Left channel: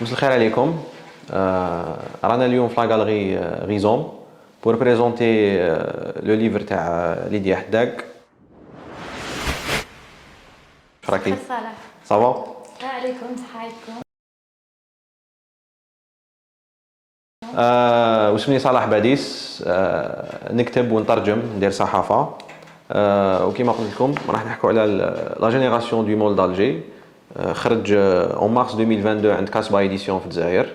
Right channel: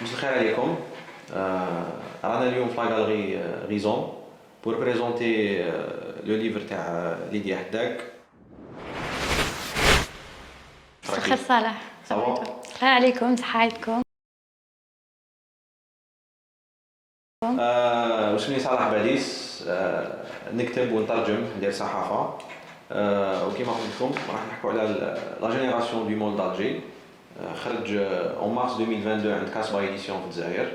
مساء الخير عليكم. رانا اليوم في لا غاليري غيزون pour présenter le livre تاع ليديا حداك. شكرا راكي صالح. صافا؟ السلام عليكم، صحايتكم. واسمي صلاح باديس. نكتب ونترجم ندير صحافة. وكما قلت لكم راح نحكوا على لا جينيراسيون دو مول d'Alger. خرج en mars 2022 عند كاسبا édition في الجزائر.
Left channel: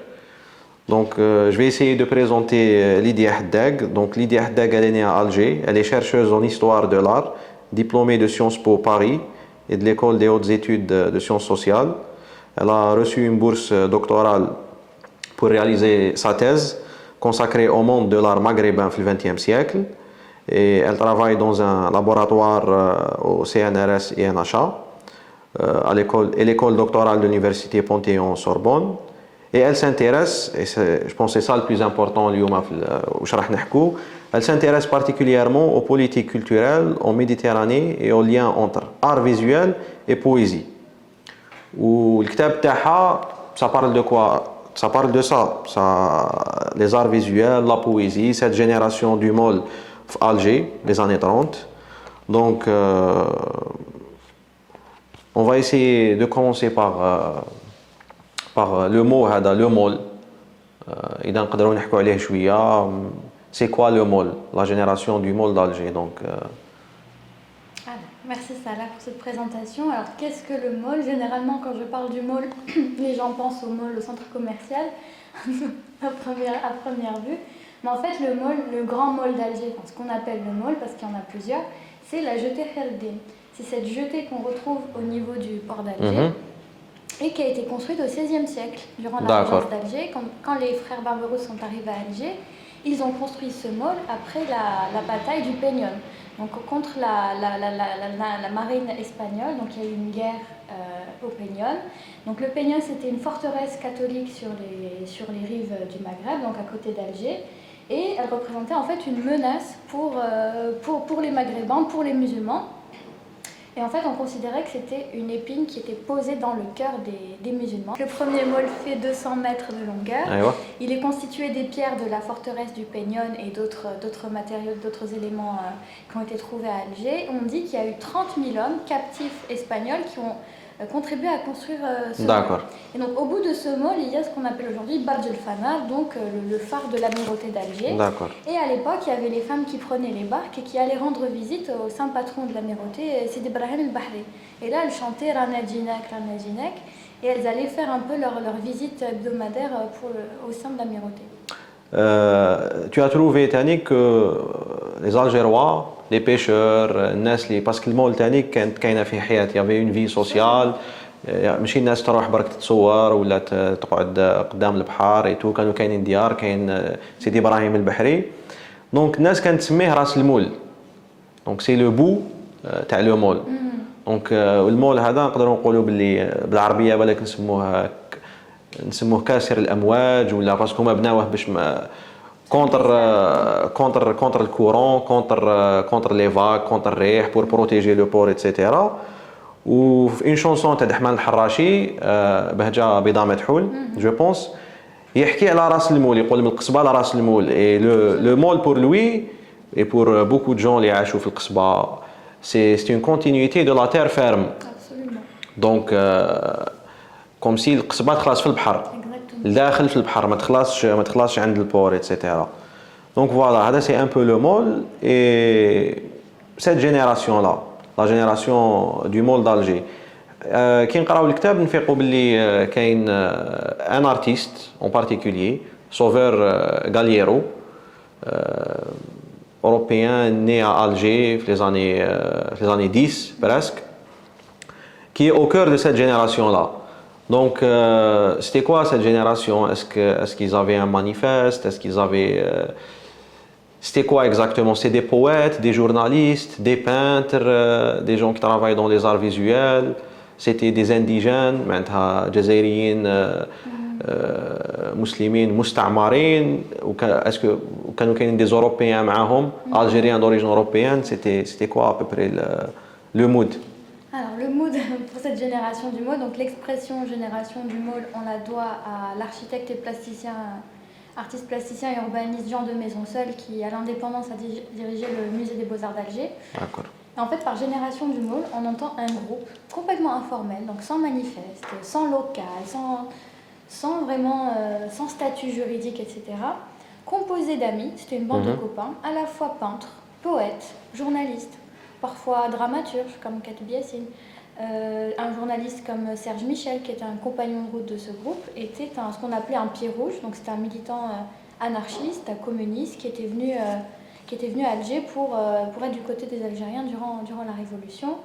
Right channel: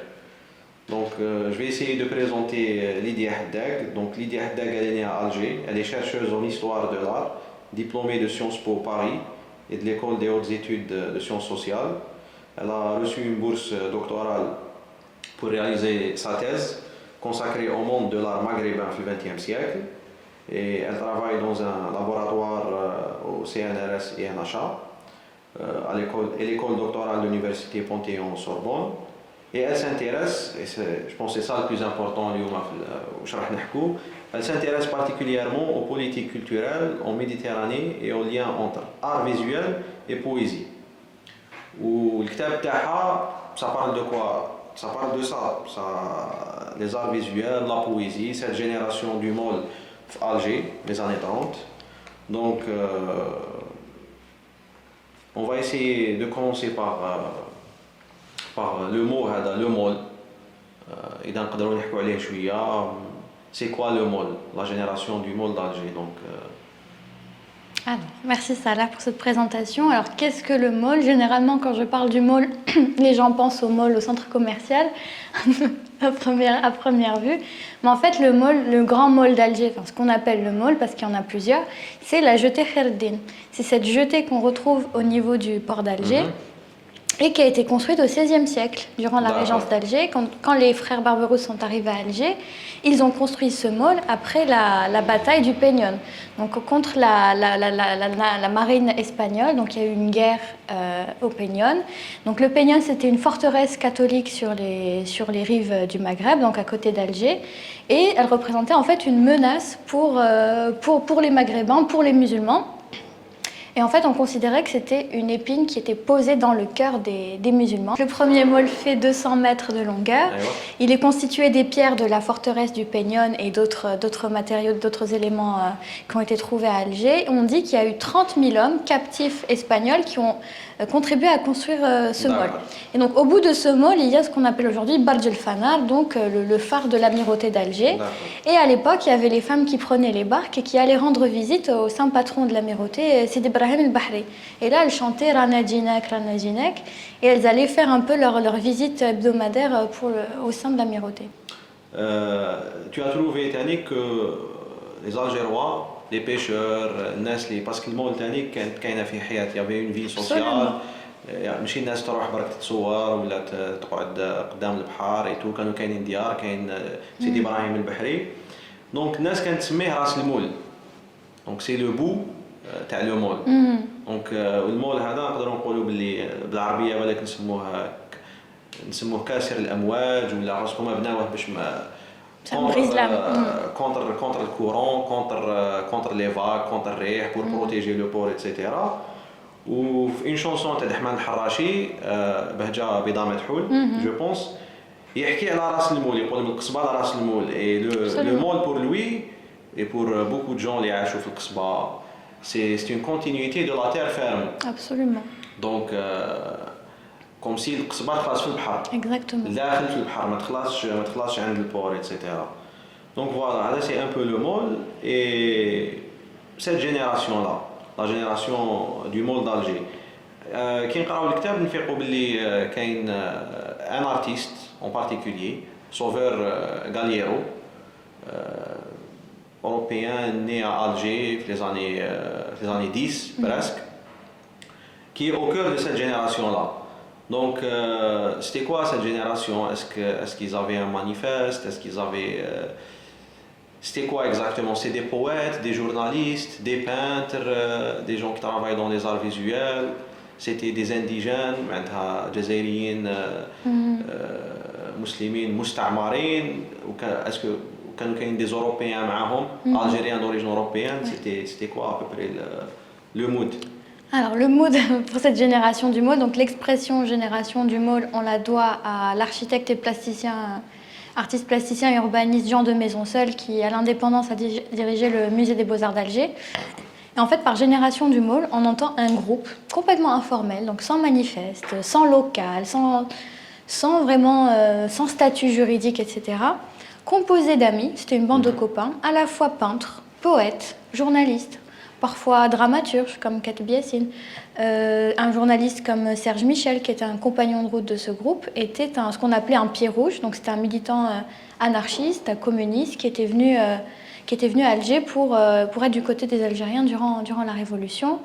Donc, je vais essayer de présenter Lydia Haddad. Donc, Lydia Haddad, elle est née à Alger. Elle est chercheuse en histoire de l'art, diplômée de Sciences Po Paris et de l'école des hautes études de sciences sociales. Elle a reçu une bourse doctorale pour réaliser sa thèse consacrée au monde de l'art maghrébin au XXe siècle. Et elle travaille dans un laboratoire au CNRS et NHA, à l'école doctorale de l'université Panthéon-Sorbonne. Et elle s'intéresse, et je pense que c'est ça le plus important, elle s'intéresse particulièrement aux politiques culturelles en Méditerranée et aux liens entre art visuel et poésie. Le livre ça parle de quoi? Ça parle de ça, les arts visuels, la poésie, cette génération du mall à Alger des années 30. Donc, on va essayer de commencer par le mot هذا le mall. إذا نقدروا نحكوا عليه شوية. C'est quoi le mall? La génération du mall d'Alger. Donc Alors, merci Salah pour cette présentation. Alors, qu'est-ce que le mall? Généralement, quand je parle du mall, les gens pensent au mall, au centre commercial, à première vue. Mais en fait, le mall, le grand mall d'Alger, enfin, ce qu'on appelle le mall, parce qu'il y en a plusieurs, c'est la jetée Kherdin. C'est cette jetée qu'on retrouve au niveau du port d'Alger. Et qui a été construite au XVIe siècle, durant la régence d'Alger. Quand les frères Barberousse sont arrivés à Alger, ils ont construit ce mall après la bataille du Peñón. Donc contre la marine espagnole, donc il y a eu une guerre au Peñón. Donc le Peñón, c'était une forteresse catholique sur les rives du Maghreb, donc à côté d'Alger. Et elle représentait en fait une menace pour les Maghrébins, pour les musulmans. Et en fait, on considérait que c'était une épine qui était posée dans le cœur des musulmans. Le premier mall fait 200 mètres de longueur. Il est constitué des pierres de la forteresse du Peñón et d'autres matériaux, d'autres éléments qui ont été trouvés à Alger. On dit qu'il y a eu 30 000 hommes captifs espagnols qui ont contribué à construire ce mall. Et donc, au bout de ce mall, il y a ce qu'on appelle aujourd'hui Barj el Fanar, donc le phare de l'amirauté d'Alger. Et à l'époque, il y avait les femmes qui prenaient les barques et qui allaient rendre visite au saint patron de l'amirauté, Sidi Ibrahim el-Bahri. Et là, elles chantaient Rana Djinak, et elles allaient faire un peu leur visite hebdomadaire au sein de l'amirauté. Tu as trouvé Tani que les Algérois, les pêcheurs, Nesli, parce que le mall Tani il y avait une vie sociale. ماشي الناس تروح برك تتصور ولا تقعد قدام البحر اي تو كانوا كاينين ديار كاين سيدي ابراهيم البحري دونك الناس كانت تسميه راس المول دونك سي لو بو تاع لو مول دونك المول هذا نقدروا نقولوا باللي بالعربيه بالك نسموه كاسر الامواج ولا باسكو هما بناوه باش contre le courant, contre les vagues, contre le rih, pour protéger le port, etc. Ou une chanson تاع Ahmed الحراشي بهجة بيضاء مدحول, je pense, يحكي على راس المول, يقول من القصبة لراس المول. Et le mall pour lui et pour beaucoup de gens اللي عاشوا في القصبة, c'est une continuité de la terre ferme. Absolument. Donc كوم سي القصبه تخلص في البحر داخل في البحر ما تخلصش عند البور ايتترا. دونك فوالا هذا سي ان بو لو مول اي سيت جينيراسيون لا لا جينيراسيون دو مول d'Alger. كي نقراو الكتاب نفيقوا باللي كاين ان ارتيست اون بارتيكولير سوفور غالييرو اوروبيان né à Alger في les années 10 presque, qui est au cœur de cette génération là. Donc, c'était quoi cette génération? Est-ce qu'ils avaient un manifeste? Est-ce qu'ils avaient... c'était quoi exactement? C'était des poètes, des journalistes, des peintres, des gens qui travaillent dans les arts visuels. C'était des indigènes, جزائريين, مسلمين, مستعمرين. Est-ce que كانوا كاينين des Européens معاهم, Algériens d'origine européenne? C'était quoi à peu près le mood? Alors le mood pour cette génération du mall, donc l'expression génération du mall, on la doit à l'architecte et plasticien, artiste plasticien et urbaniste Jean de Maisonseul qui à l'indépendance a dirigé le musée des Beaux-Arts d'Alger. Et en fait par génération du mall, on entend un groupe complètement informel, donc sans manifeste, sans local, sans vraiment sans statut juridique, etc. Composé d'amis, c'était une bande de copains, à la fois peintres, poètes, journalistes, parfois dramaturges comme Kateb Yassine. Un journaliste comme Serge Michel, qui était un compagnon de route de ce groupe, était ce qu'on appelait un pied rouge. Donc c'était un militant anarchiste, un communiste qui était venu à Alger pour être du côté des Algériens durant la Révolution.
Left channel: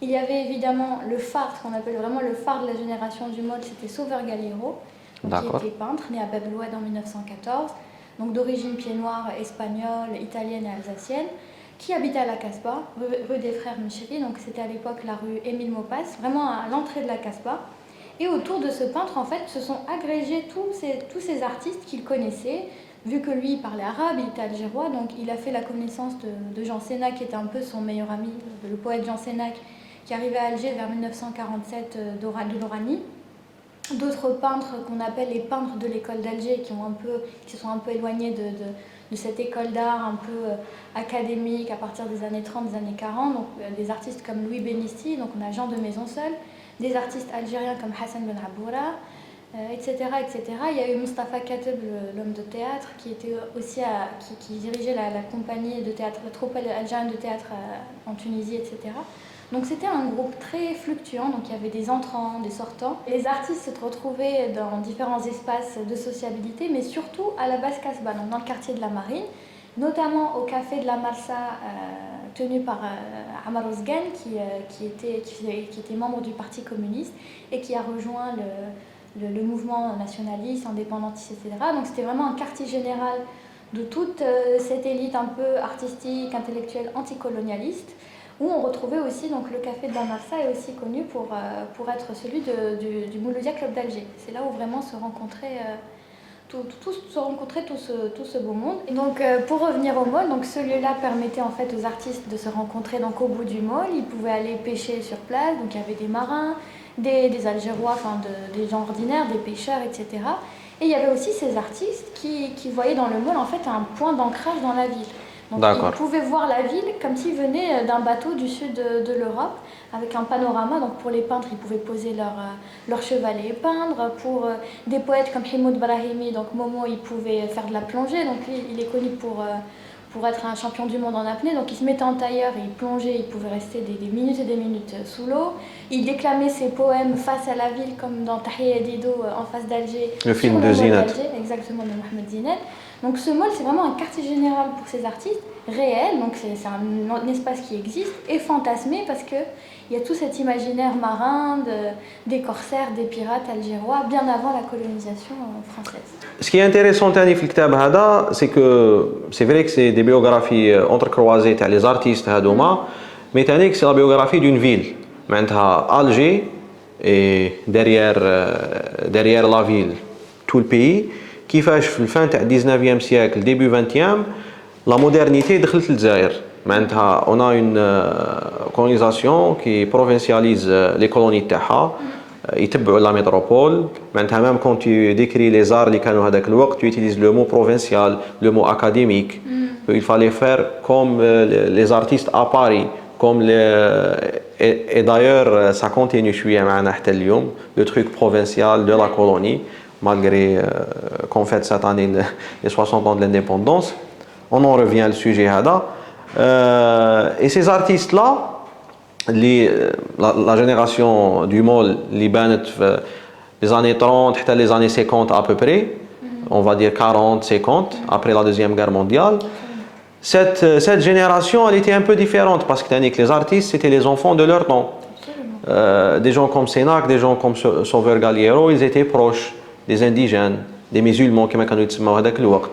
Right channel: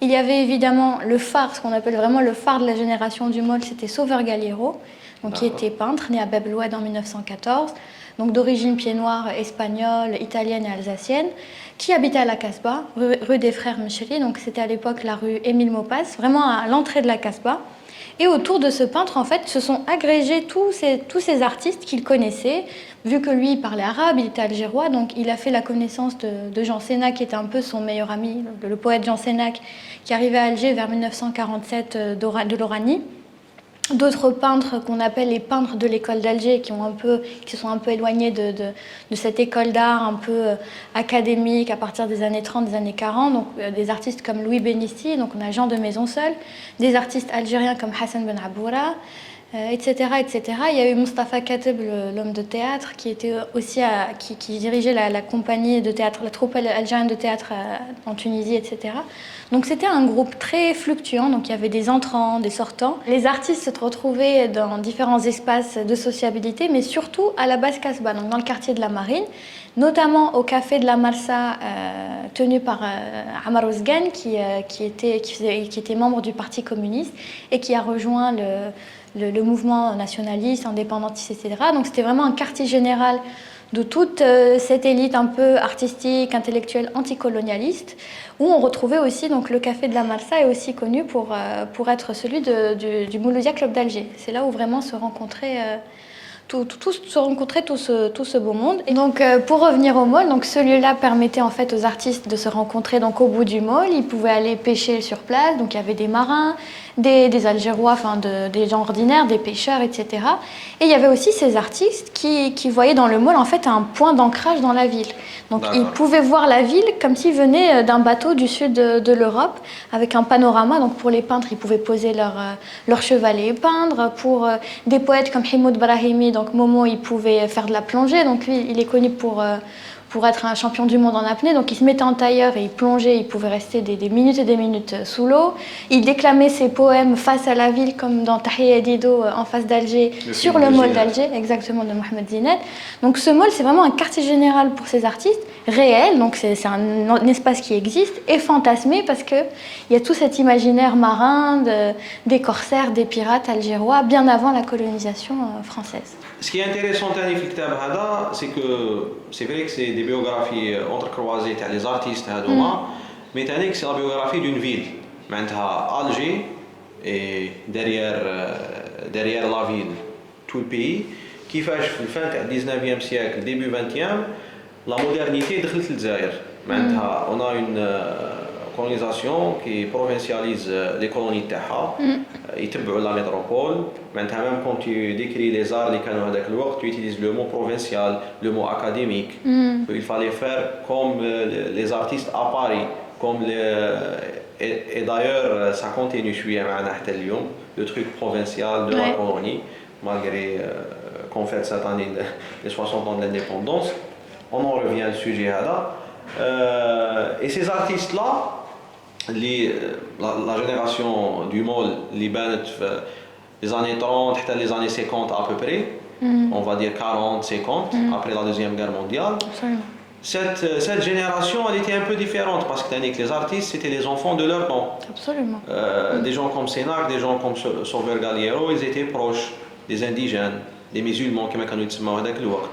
Il y avait évidemment le phare, ce qu'on appelle vraiment le phare de la génération du mall, c'était Sauveur Galiero, donc qui était peintre, né à Bab el Oued en 1914, donc d'origine pied-noire espagnole, italienne et alsacienne, qui habitait à la Casbah, rue des Frères Mchiri, donc c'était à l'époque la rue Émile Maupas, vraiment à l'entrée de la Casbah. Et autour de ce peintre, en fait, se sont agrégés tous ces artistes qu'il connaissait. Vu que lui, il parlait arabe, il était algérois, donc il a fait la connaissance de Jean Sénac, qui était un peu son meilleur ami, le poète Jean Sénac, qui arrivait à Alger vers 1947 de l'Oranie. D'autres peintres qu'on appelle les peintres de l'école d'Alger qui se sont un peu éloignés de cette école d'art un peu académique à partir des années 30, des années 40. Donc des artistes comme Louis Bénisti, donc on a Jean de Maisonseul, des artistes algériens comme Hassan Ben Aboura, etc., etc. Il y a eu Mustapha Kateb, l'homme de théâtre, qui était aussi qui dirigeait la compagnie de théâtre, la troupe algérienne de théâtre en Tunisie, etc. Donc c'était un groupe très fluctuant, donc il y avait des entrants, des sortants. Les artistes se retrouvaient dans différents espaces de sociabilité, mais surtout à la Basse Casbah, donc dans le quartier de la Marine, notamment au café de la Marsa, tenu par Amar Ouzgan, qui était membre du Parti communiste et qui a rejoint le mouvement nationaliste, indépendantiste, etc. Donc c'était vraiment un quartier général de toute cette élite un peu artistique, intellectuelle, anticolonialiste, où on retrouvait aussi, donc le café de la Marsa est aussi connu pour être celui du Mouloudia Club d'Alger. C'est là où vraiment se rencontrait tout ce beau monde. Et donc pour revenir au mall, donc ce lieu-là permettait en fait aux artistes de se rencontrer donc au bout du mall. Ils pouvaient aller pêcher sur place, donc il y avait des marins, des Algérois, enfin des gens ordinaires, des pêcheurs, etc. Et il y avait aussi ces artistes qui voyaient dans le mall en fait un point d'ancrage dans la ville. Donc ils pouvaient voir la ville comme s'ils venaient d'un bateau du sud de l'Europe avec un panorama. Donc pour les peintres, ils pouvaient poser leur chevalet et peindre. Pour des poètes comme Himoud Brahimi, donc Momo, il pouvait faire de la plongée. Donc lui, il est connu pour être un champion du monde en apnée. Donc il se mettait en tailleur et il plongeait, il pouvait rester des minutes et des minutes sous l'eau. Il déclamait ses poèmes face à la ville, comme dans Tahia Dido en face d'Alger, sur le mall d'Alger, exactement, de Mohamed Zinet. Donc ce mall, c'est vraiment un quartier général pour ces artistes, réel, donc c'est un espace qui existe, et fantasmé parce qu'il y a tout cet imaginaire marin des corsaires, des pirates algérois, bien avant la colonisation française. Ce qui est intéressant dans le livre, c'est que c'est vrai que c'est des biographies entrecroisées تاع les artistes هذوما, mais c'est la biographie d'une ville. معناتها Alger et derrière la ville tout le pays. كيفاش في الفان تاع 19e siècle début 20e la modernité دخلت للجزائر. معناتها on a une colonisation qui provincialise les colonies تاعها. يتبعوا la métropole. معناتها même quand tu décris les arts اللي كانوا هذاك الوقت tu utilises le mot provincial, le mot académique. Il fallait faire comme les artistes à Paris, comme et d'ailleurs ça continue شوية معنا حتى اليوم, le truc provincial de la colonie, malgré qu'on fête cette année les 60 ans de l'indépendance. On en revient au sujet هذا. Et ces artistes là, la génération du mall اللي بانت في les années 30 حتى les années 50 à peu près, on va dire 40, 50, après la Deuxième Guerre mondiale. Cette génération, elle était un peu différente parce que les artistes, c'était les enfants de leur temps. Absolument. Des gens comme Sénac, des gens comme Sauveur Galiero, ils étaient proches des indigènes, des musulmans qui كانوا يتسموا هذاك الوقت.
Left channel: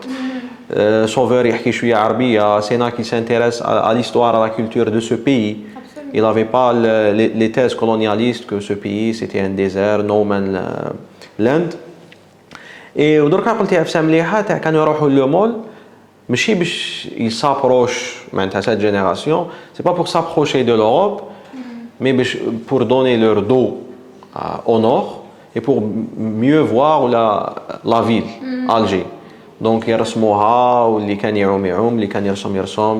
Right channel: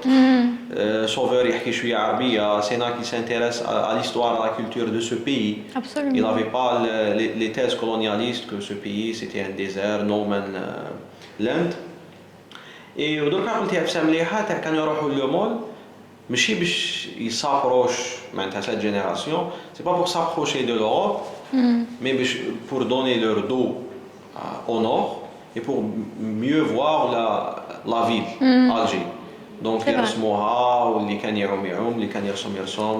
Sauveur يحكي شوية عربية, Sénac qui s'intéresse à l'histoire, à la culture de ce pays. Absolument. Il n'avait pas les thèses colonialistes que ce pays c'était un désert, no man land. Et ودركا قلتي افسام مليحه تاع كانوا يروحوا لو مول ماشي باش يسابروش معناتها cette génération, c'est pas pour s'approcher de l'Europe, mais pour donner leur dos au nord et pour mieux voir la ville, Alger. Donc, ils resmouha, ou les can yaoum, les can yersom,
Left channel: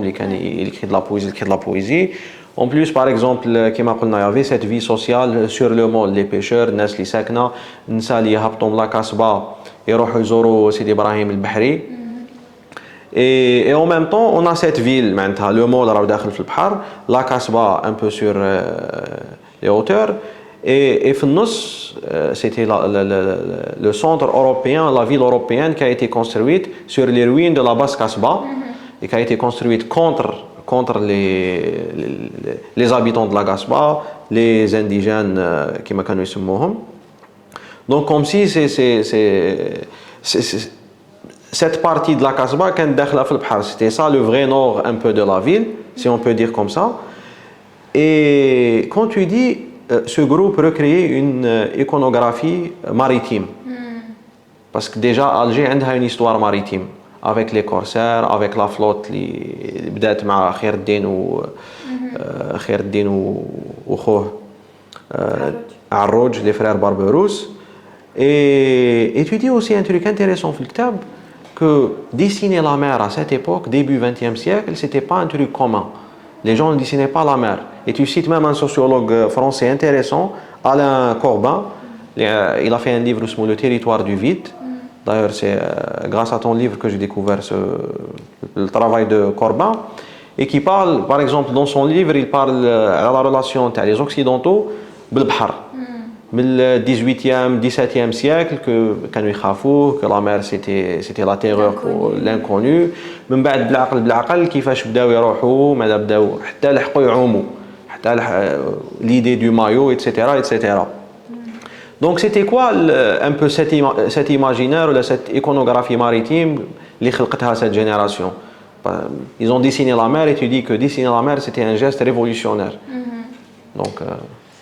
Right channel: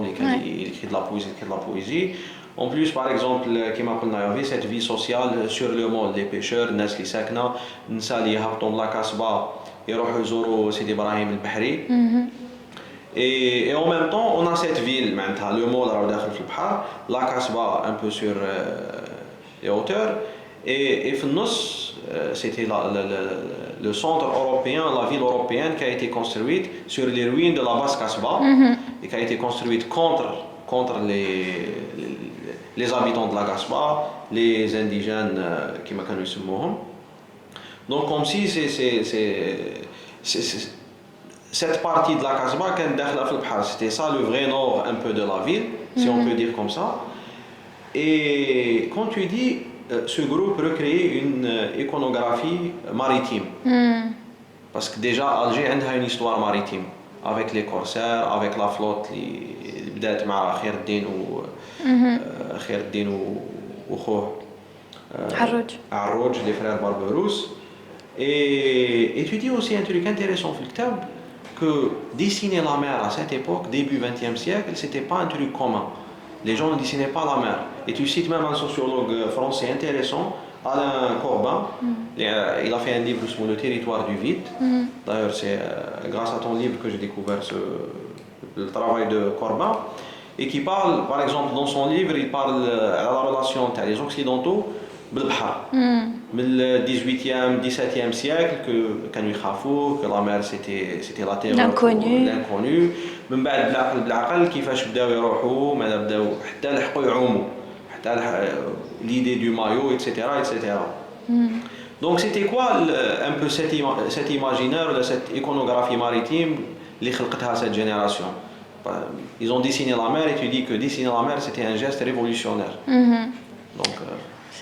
les can écrit de la poésie. En plus, par exemple, comme on a vu cette vie sociale sur le monde, les pêcheurs, les gens qui sakna, les gens qui habitent la Kasbah, ils vont voir Sidi Ibrahim el-Bahri. Et en même temps, on a cette ville, le monde est dans le Bahar, la Kasbah un peu sur les hauteurs. Et Fnos, c'était le centre européen, la ville européenne qui a été construite sur les ruines de la basse Kasbah et qui a été construite contre les habitants de la Kasbah, les indigènes qui m'a connu ce mot. Donc comme si cette partie de la Kasbah qui est dans le Bahar, c'était ça le vrai nord un peu de la ville, si on peut dire comme ça. Et quand tu dis ce groupe recréer une iconographie maritime. Parce que déjà, Alger a une histoire maritime. Avec les corsaires, avec la flotte qui بدأت مع خير الدين وخوه عروج, les frères Barberousse. Et tu dis aussi un truc intéressant dans le kitab, que dessiner la mer à cette époque, début 20e siècle, c'était pas un truc commun. Les gens ne dessinaient pas la mer. Et tu cites même un sociologue français intéressant, Alain Corbin. Il a fait un livre sur le territoire du vide. D'ailleurs, c'est grâce à ton livre que j'ai découvert le travail de Corbin. Et qui parle, par exemple, dans son livre, il parle de la relation entre les Occidentaux et le Bahar. Le 18e, 17e siècle, que la mer c'était la terreur, l'inconnu. من بعد بالعقل كيفاش بداو يروحوا ماذا بداو حتى لحقوا يعوموا حتى l'idée du maillot, etc. Donc c'était quoi un peu cet imaginaire ou cette iconographie maritime اللي خلقتها cette génération? Ils ont dessiné la mer et tu dis que dessiner la mer c'était un geste révolutionnaire. Donc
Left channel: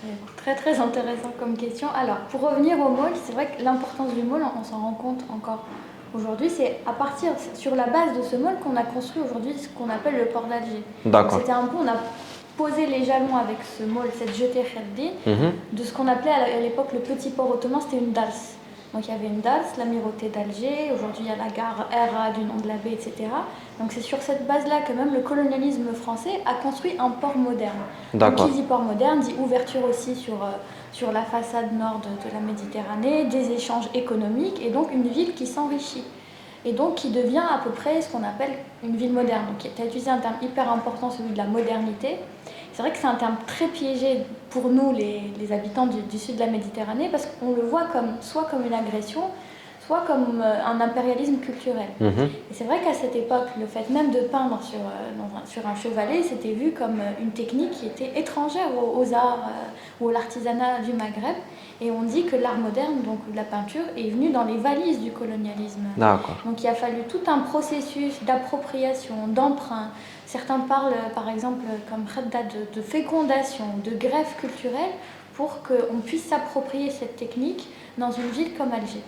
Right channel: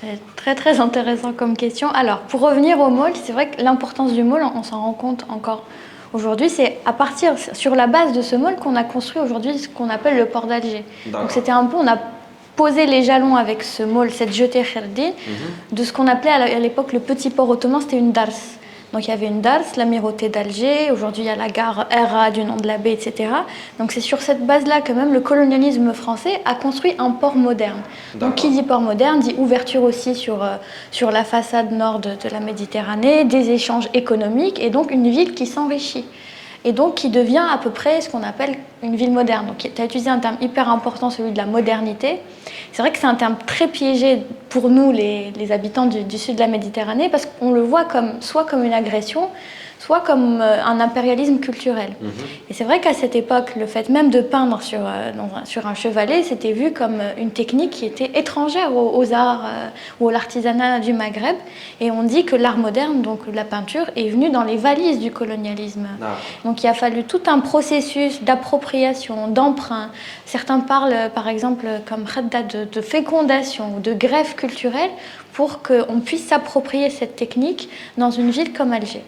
c'est très très intéressant comme question. Alors pour revenir au môle, c'est vrai que l'importance du môle, on s'en rend compte encore aujourd'hui, c'est à partir, sur la base de ce môle qu'on a construit aujourd'hui ce qu'on appelle le port d'Alger. Donc c'était un peu, on a posé les jalons avec ce môle, cette jetée Kherdi, de ce qu'on appelait à l'époque le petit port ottoman, c'était une dars. Donc il y avait une dars, l'amirauté d'Alger, aujourd'hui il y a la gare Hera du nom de la baie, etc. Donc c'est sur cette base-là que même le colonialisme français a construit un port moderne. Donc qui dit port moderne dit ouverture aussi sur la façade nord de la Méditerranée, des échanges économiques et donc une ville qui s'enrichit. Et donc qui devient à peu près ce qu'on appelle une ville moderne. Donc tu as utilisé un terme hyper important, celui de la modernité. C'est vrai que c'est un terme très piégé pour nous, les habitants du sud de la Méditerranée, parce qu'on le voit soit comme une agression, soit comme un impérialisme culturel. Et c'est vrai qu'à cette époque, le fait même de peindre sur un chevalet, c'était vu comme une technique qui était étrangère aux arts ou à l'artisanat du Maghreb. Et on dit que l'art moderne, donc la peinture, est venu dans les valises du colonialisme. Donc il a fallu tout un processus d'appropriation, d'emprunt. Certains parlent, par exemple, comme khadda, de fécondation, de greffe culturelle, pour qu'on puisse s'approprier cette technique dans une ville comme Alger.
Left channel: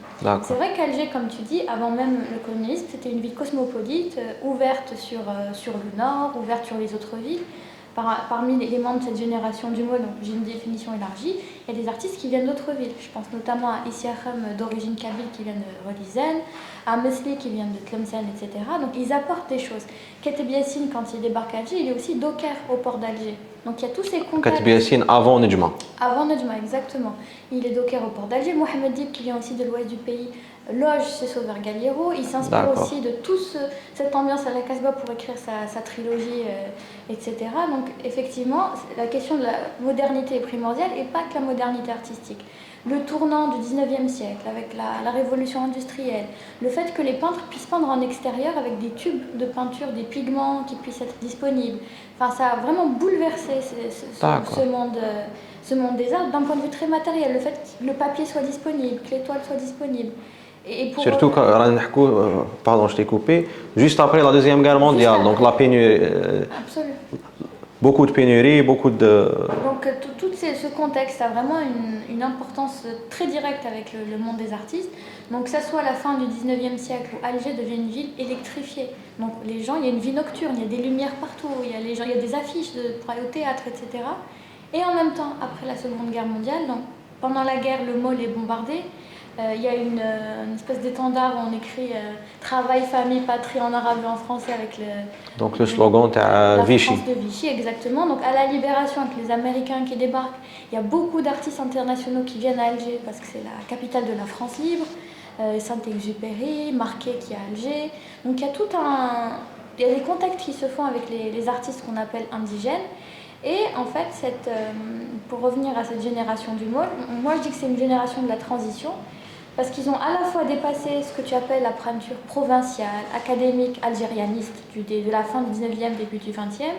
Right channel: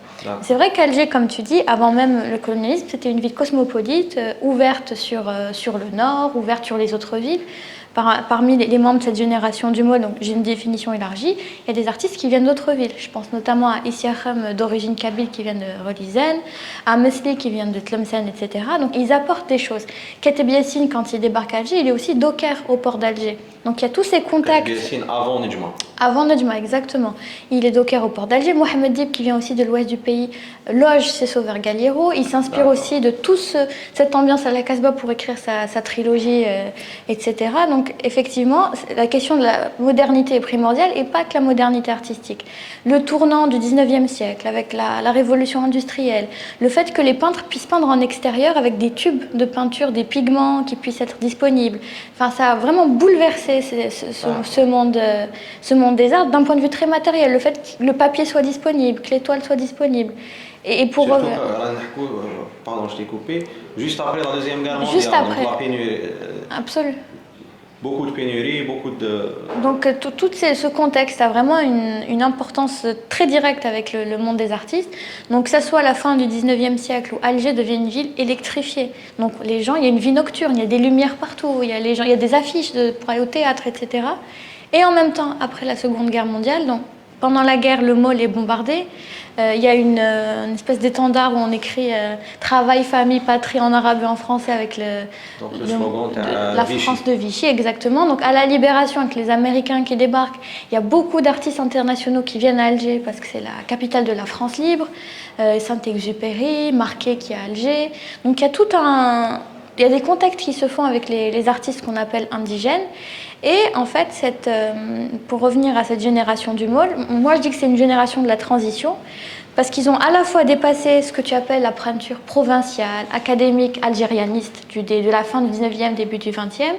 C'est vrai qu'Alger, comme tu dis, avant même le colonialisme, c'était une ville cosmopolite, ouverte sur le nord, ouverte sur les autres villes. Parmi les membres de cette génération du môle, donc j'ai une définition élargie, il y a des artistes qui viennent d'autres villes. Je pense notamment à Issiakham d'origine kabyle qui vient de Rolizen, à Mesli qui vient de Tlemcen, etc. Donc ils apportent des choses. Kateb Yassine, quand il débarque à Alger, il est aussi docker au port d'Alger. Donc il y a tous ces contacts. Kateb Yassine avant Nejma. Avant Nejma, exactement. Il est docker au port d'Alger. Mohamed Dib, qui vient aussi de l'ouest du pays, loge ses sauveurs Galliero. Il s'inspire aussi de toute cette ambiance à la Casbah pour écrire sa trilogie, etc. Donc effectivement, la question de la modernité est primordiale et pas que la modernité artistique. Le tournant du 19e siècle avec la révolution industrielle, le fait que les peintres puissent peindre en extérieur avec des tubes de peinture, des pigments qui puissent être disponibles. Enfin, ça a vraiment bouleversé ce monde des arts d'un point de vue très matériel. Le fait que le papier soit disponible, que l'étoile soit disponible. Et pour surtout, pardon, je t'ai coupé, juste après la Deuxième Guerre mondiale, donc la pénurie. Absolument. Beaucoup de pénuries, beaucoup de... Donc tout ce contexte a vraiment une importance très directe avec le monde des artistes. Donc que ce soit à la fin du 19e siècle où Alger devient une ville électrifiée. Donc les gens, il y a une vie nocturne, il y a des lumières partout, il y a des affiches pour aller au théâtre, etc. Et en même temps, après la Seconde Guerre mondiale, donc pendant la guerre, le môle est bombardé. Il y a une espèce d'étendard où on écrit travail, famille, patrie en arabe et en français avec Donc le slogan la Vichy. France de Vichy, exactement. Donc à la Libération, avec les Américains qui débarquent, il y a beaucoup d'artistes internationaux qui viennent à Alger parce que c'est la capitale de la France libre. Saint-Exupéry, Marquet qui est à Alger. Donc il y a tout un... Il y a des contacts qui se font avec les artistes qu'on appelle indigènes. Et en fait, pour revenir à cette génération du môle, moi je dis que c'est une génération de la transition, parce qu'ils ont à la fois dépassé ce que tu appelles la peinture provinciale, académique, algérianiste de la fin du 19e, début du 20e,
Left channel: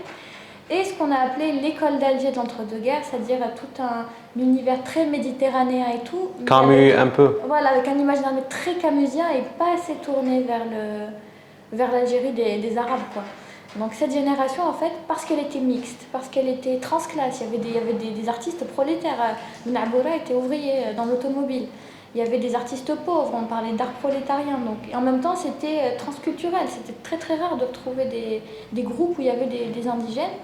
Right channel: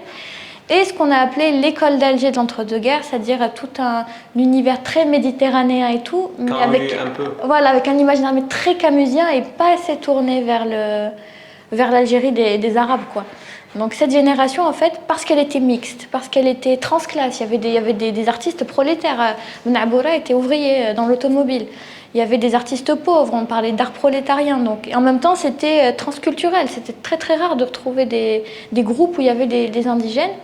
et ce qu'on a appelé l'école d'Alger de l'entre-deux-guerres, c'est-à-dire tout un univers très méditerranéen et tout. Camus un peu. Voilà, avec un imaginaire très camusien et pas assez tourné vers l'Algérie des Arabes, quoi. Donc cette génération, en fait, parce qu'elle était mixte, parce qu'elle était transclasse, il y avait des artistes prolétaires. Naboura était ouvrier dans l'automobile. Il y avait des artistes pauvres, on parlait d'art prolétarien. Donc, et en même temps, c'était transculturel. C'était très très rare de retrouver des groupes où il y avait des indigènes.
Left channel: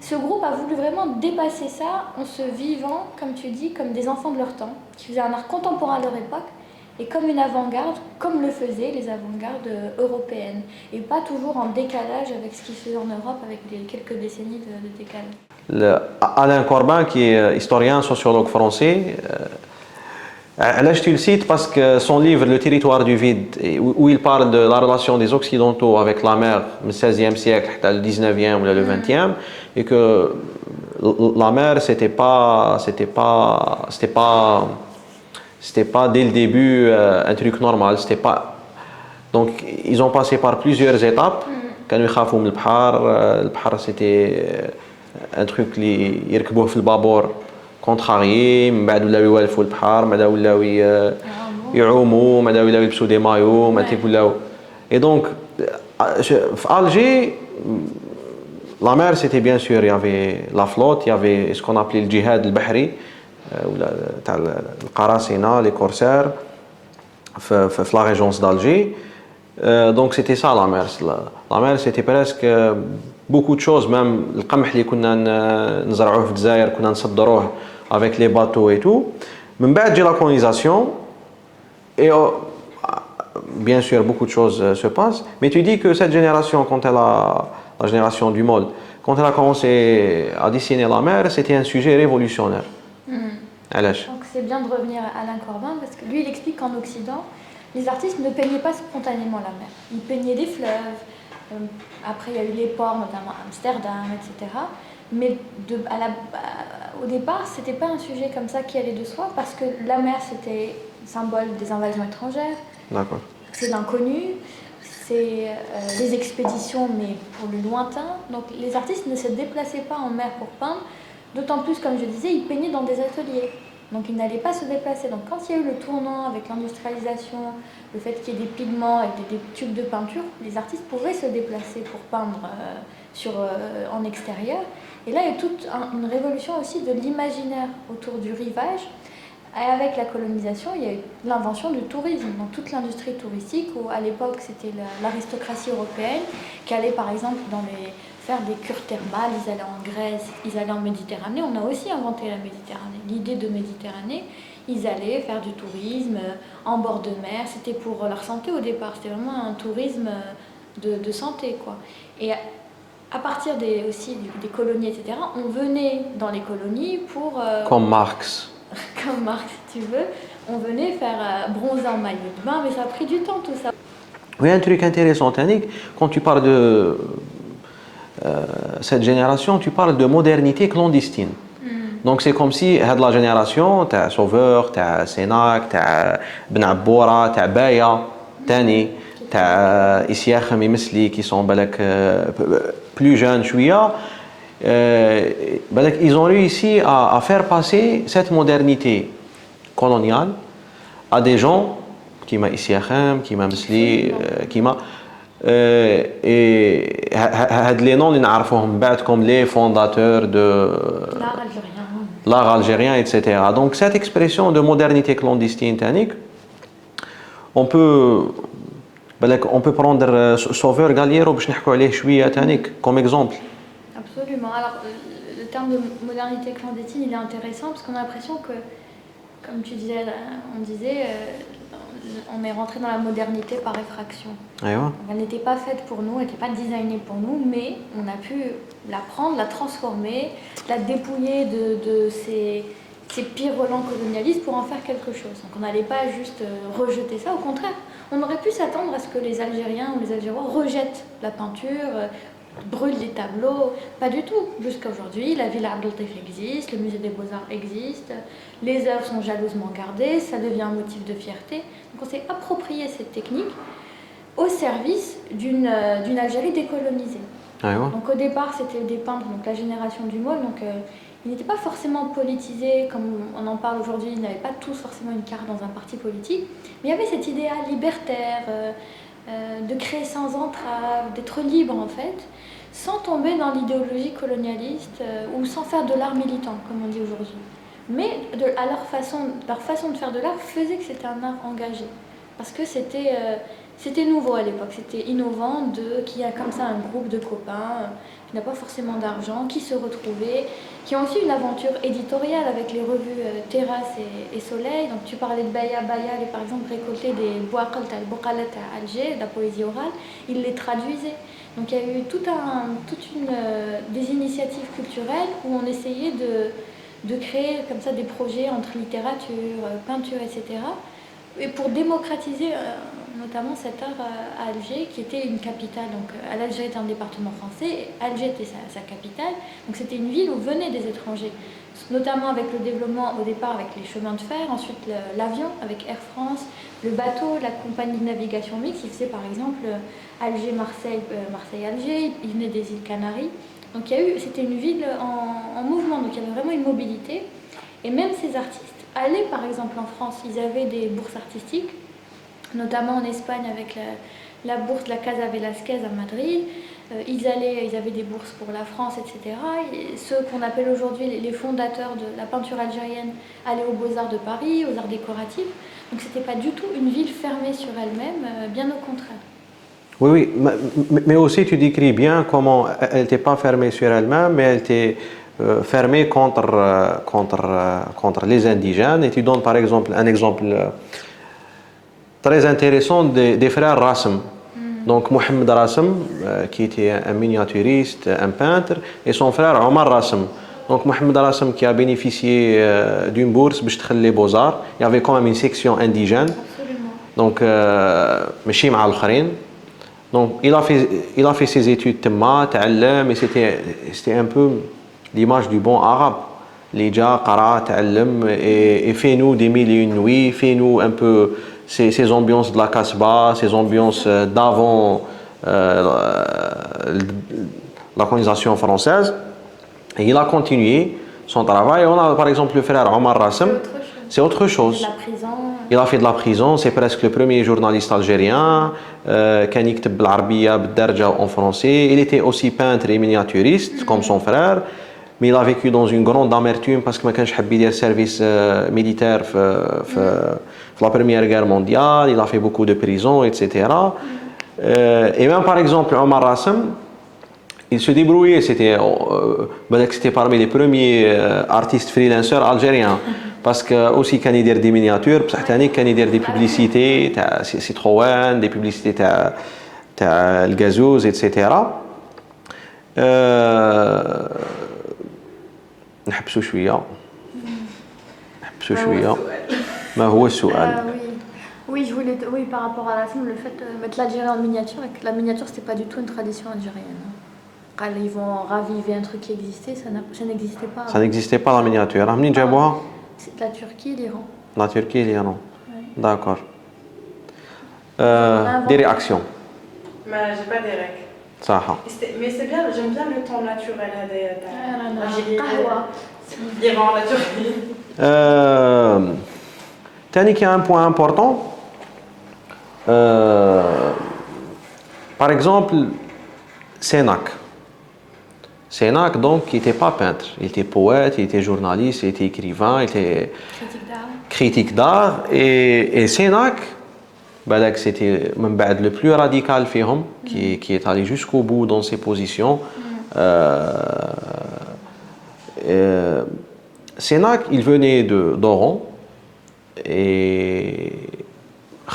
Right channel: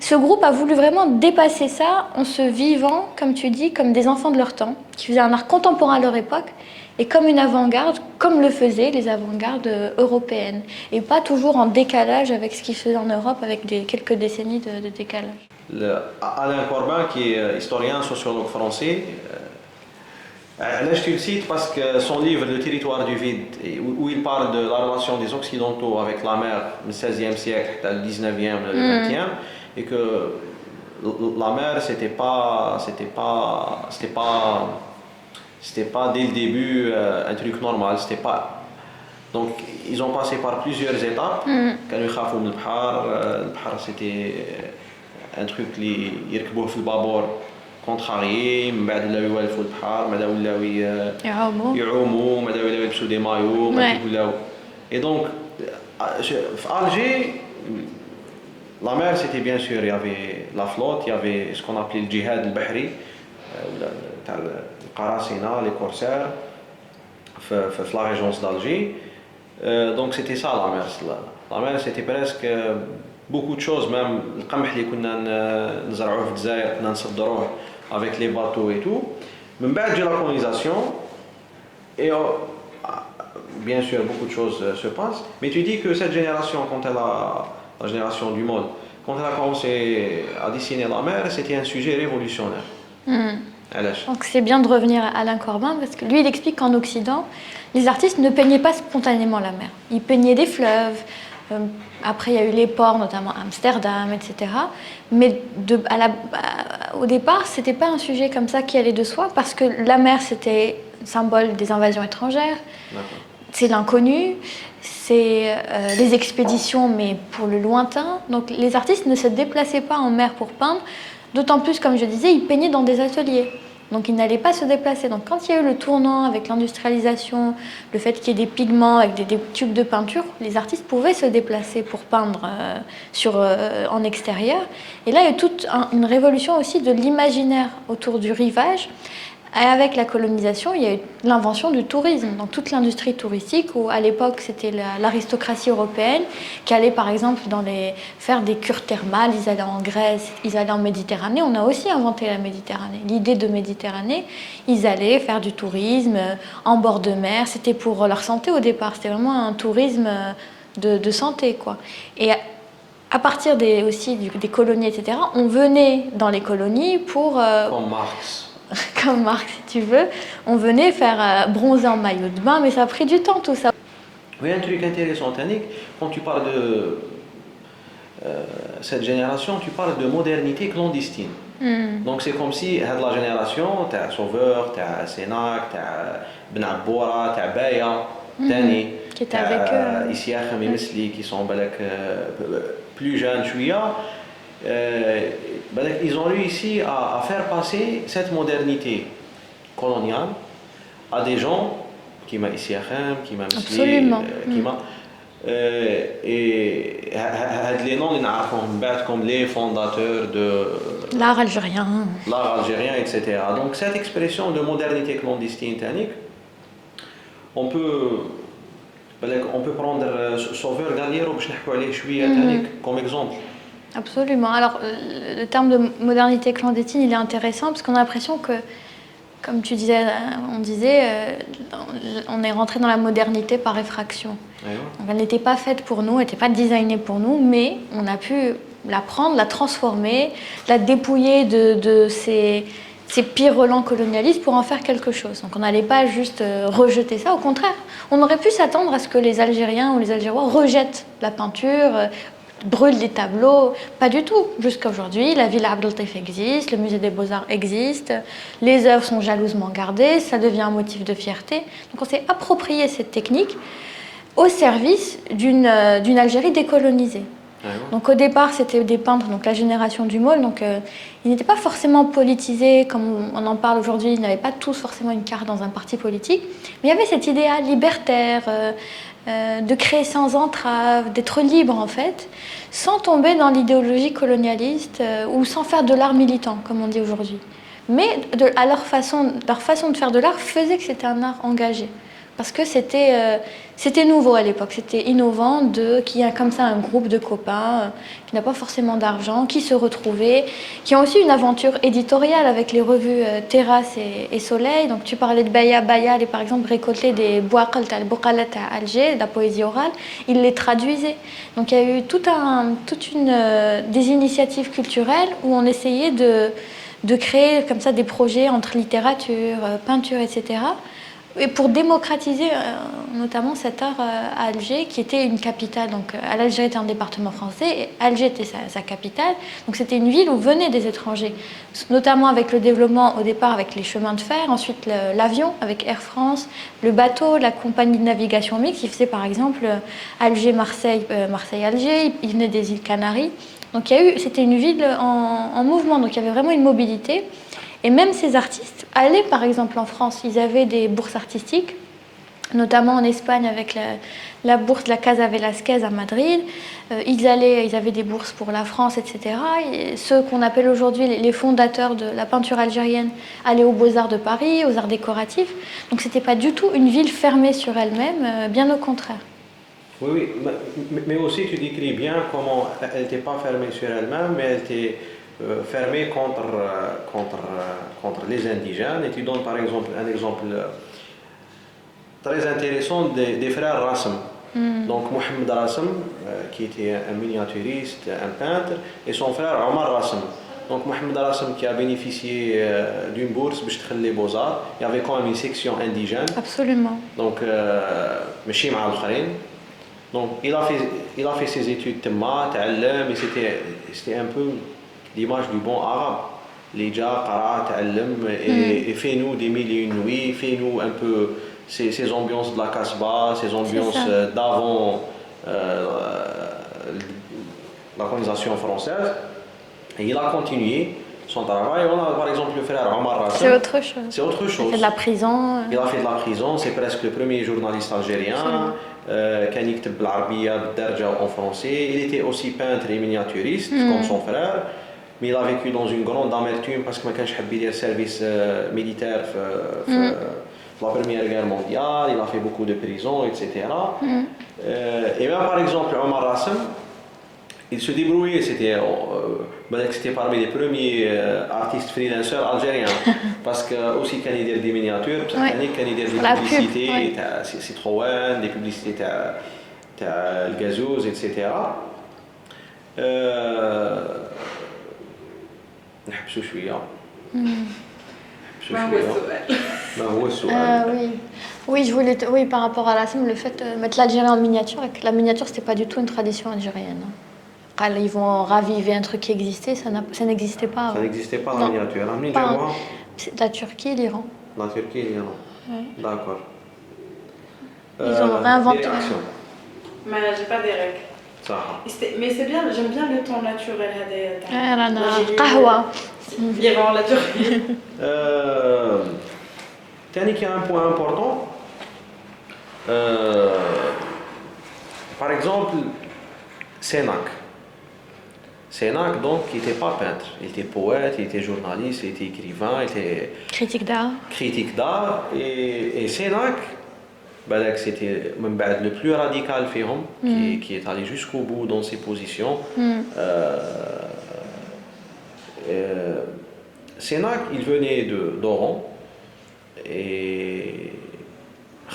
Ce groupe a voulu vraiment dépasser ça en se vivant, comme tu dis, comme des enfants de leur temps, qui faisaient un art contemporain à leur époque, et comme une avant-garde, comme le faisaient les avant-gardes européennes, et pas toujours en décalage avec ce qui se faisait en Europe, avec quelques décennies de décalage. Alain Corbin, qui est historien, sociologue français, là je te le cite parce que son livre Le territoire du vide, où il parle de la relation des Occidentaux avec la mer du XVIe siècle, le XIXe ou le XXe, et que la mer, c'était pas dès le début un truc normal. C'était pas... Donc, ils ont passé par plusieurs étapes. Quand ils خافوا من البحر, c'était un truc اللي يركبوه في البابور contrarié. من بعد ولاو يوالفوا البحر, من بعد ولاو يعوموا, من بعد ولاو يلبسوا des maillots, من بعد ولاو. Et donc, à Alger, la mer, c'était bien sûr, il y avait la flotte, il y avait ce qu'on appelait le djihad al-bahri, تاع القراصنة, les corsaires, في la régence d'Alger. Donc c'était ça la mer. La mer, c'était presque beaucoup de choses, même القمح اللي كنا نزرعوه في الجزائر كنا نصدروه avec les bateaux et tout. من بعد la colonisation, et bien sûr beaucoup de choses se passent, mais tu dis que cette génération, la génération du môle, quand elle a commencé à dessiner la mer, c'était un sujet révolutionnaire. Donc c'est bien de revenir à Alain Corbin, parce que lui, il explique qu'en Occident, les artistes ne peignaient pas spontanément la mer. Ils peignaient des fleuves. Après, il y a eu les ports, notamment Amsterdam, etc. Mais au départ, ce n'était pas un sujet comme ça qui allait de soi, parce que la mer, c'était symbole des invasions étrangères. C'est l'inconnu. C'est les expéditions, mais pour le lointain. Donc les artistes ne se déplaçaient pas en mer pour peindre, d'autant plus, comme je disais, ils peignaient dans des ateliers. Donc ils n'allaient pas se déplacer. Donc quand il y a eu le tournant avec l'industrialisation, le fait qu'il y ait des pigments avec des tubes de peinture, les artistes pouvaient se déplacer pour peindre en extérieur. Et là, il y a eu toute une révolution aussi de l'imaginaire autour du rivage. Et avec la colonisation, il y a eu l'invention du tourisme, donc toute l'industrie touristique, où à l'époque c'était l'aristocratie européenne qui allait par exemple faire des cures thermales, ils allaient en Grèce, ils allaient en Méditerranée. On a aussi inventé la Méditerranée, l'idée de Méditerranée. Ils allaient faire du tourisme en bord de mer, c'était pour leur santé au départ, c'était vraiment un tourisme de santé, quoi. Et à partir aussi des colonies, etc., on venait dans les colonies pour... Comme Marx. Comme Marx, si tu veux, on venait faire bronzer en maillot de bain, mais ça a pris du temps tout ça. Oui, un truc intéressant, Tannick, quand tu parles de cette génération, tu parles de modernité clandestine. Donc c'est comme si la génération, tu as Sauveur, tu as Sénac, tu as Ben Abboura, tu as Baya, Tani, tu as Issiakh Misli qui sont plus jeunes, chouïa. Ils ont réussi à faire passer cette modernité coloniale à des gens qui m'a ici qui m'a Misli, qui m'a et les noms comme les fondateurs de l'art algérien, etc. Donc cette expression de modernité clandestine, on peut prendre Sauveur Galiero comme exemple. Absolument. Alors, le terme de modernité clandestine, il est intéressant parce qu'on a l'impression que, comme tu disais, on est rentré dans la modernité par effraction. Donc, elle n'était pas faite pour nous, elle n'était pas designée pour nous, mais on a pu la prendre, la transformer, la dépouiller de ces pires relents colonialistes pour en faire quelque chose. Donc on n'allait pas juste rejeter ça, au contraire. On aurait pu s'attendre à ce que les Algériens ou les Algérois rejettent la peinture, brûlent les tableaux. Pas du tout. Jusqu'à aujourd'hui, la Villa Abdel Latif existe, le musée des Beaux-Arts existe, les œuvres sont jalousement gardées, ça devient un motif de fierté. Donc on s'est approprié cette technique au service d'une Algérie décolonisée. Donc au départ, c'était des peintres, donc la génération du Maule, donc ils n'étaient pas forcément politisés comme on en parle aujourd'hui, ils n'avaient pas tous forcément une carte dans un parti politique, mais il y avait cet idéal libertaire, de créer sans entrave, d'être libre en fait, sans tomber dans l'idéologie colonialiste ou sans faire de l'art militant, comme on dit aujourd'hui. Mais leur façon de faire de l'art faisait que c'était un art engagé. Parce que c'était nouveau à l'époque, c'était innovant qu'il y a comme ça un groupe de copains qui n'a pas forcément d'argent, qui se retrouvaient, qui ont aussi une aventure éditoriale avec les revues Terrasse et Soleil. Donc tu parlais de Baya, et par exemple récolter des Bouaqal al-Bouqalat à Alger, de la poésie orale, ils les traduisaient. Donc il y a eu des initiatives culturelles où on essayait de créer comme ça des projets entre littérature, peinture, etc., et pour démocratiser notamment cet art à Alger, qui était une capitale. Donc Algérie était un département français et Alger était sa capitale. Donc c'était une ville où venaient des étrangers, notamment avec le développement au départ avec les chemins de fer, ensuite l'avion avec Air France, le bateau, la compagnie de navigation mixte qui faisait par exemple Alger-Marseille, Marseille-Alger, ils venaient des îles Canaries. Donc c'était une ville en mouvement, donc il y avait vraiment une mobilité. Et même ces artistes allaient par exemple en France, ils avaient des bourses artistiques, notamment en Espagne avec la bourse de la Casa Velasquez à Madrid. Ils avaient des bourses pour la France, etc. Et ceux qu'on appelle aujourd'hui les fondateurs de la peinture algérienne allaient aux Beaux-Arts de Paris, aux arts décoratifs. Donc c'était pas du tout une ville fermée sur elle-même, bien au contraire. Oui, mais aussi tu décris bien comment elle n'était pas fermée sur elle-même, mais elle était fermée contre les indigènes. Et tu donnes par exemple un exemple très intéressant des frères Rassem. Donc Mohamed Rassem, qui était un miniaturiste, un peintre, et son frère Omar Rassem. Donc Mohamed Rassem qui a bénéficié d'une bourse pour les Beaux-Arts. Il y avait quand même une section indigène. Absolument. Donc, ماشي مع الآخرين. Donc il a fait ses études تما تعلم, et c'était un peu l'image du bon arabe. Les gens قرا تعلم et fait-nous des mille et une nuits, fait-nous un peu ces ambiances de la Casbah, ces ambiances d'avant la colonisation française. Et il a continué son travail. On a par exemple le frère Omar Rassem. C'est autre chose. C'est autre chose. Il a fait de la prison. Il a fait de la prison. C'est presque le premier journaliste algérien. كان يكتب بالعربية بالدارجة en français. Il était aussi peintre et miniaturiste comme son frère. Mais il a vécu dans une grande amertume parce que ما كانش حاب يدير service militaire في la Première Guerre mondiale. Il a fait beaucoup de prisons, etc. Et même par exemple Omar Rassem, il se débrouillait, c'était parmi les premiers artistes freelancers algériens. Parce que aussi كان يدير des miniatures, بصح ثاني كان يدير des publicités تاع Citroën, des publicités تاع الغازوز, etc. نحبسوا شوية. ما هو السؤال؟ Oui, par rapport à le fait de mettre l'Algérie en miniature, la miniature c'était pas du tout une tradition algérienne. Ils vont raviver un truc qui existait, ça n'existait pas. Ça n'existait pas la miniature. C'est la Turquie et l'Iran. La Turquie et l'Iran. Ouais. D'accord. Des réactions? J'ai pas des règles. Ça. Mais c'est bien, j'aime bien le ton naturel. Qahwa. L'Iran, la Turquie. Tani qui a un point important. Par exemple, Sénac, donc, qui n'était pas peintre. Il était poète, il était journaliste, il était écrivain, il était critique d'art. Et Sénac, Balak, c'était من بعد le plus radical فيهم, qui est allé jusqu'au bout dans ses positions. Sénac, il venait d'Oran et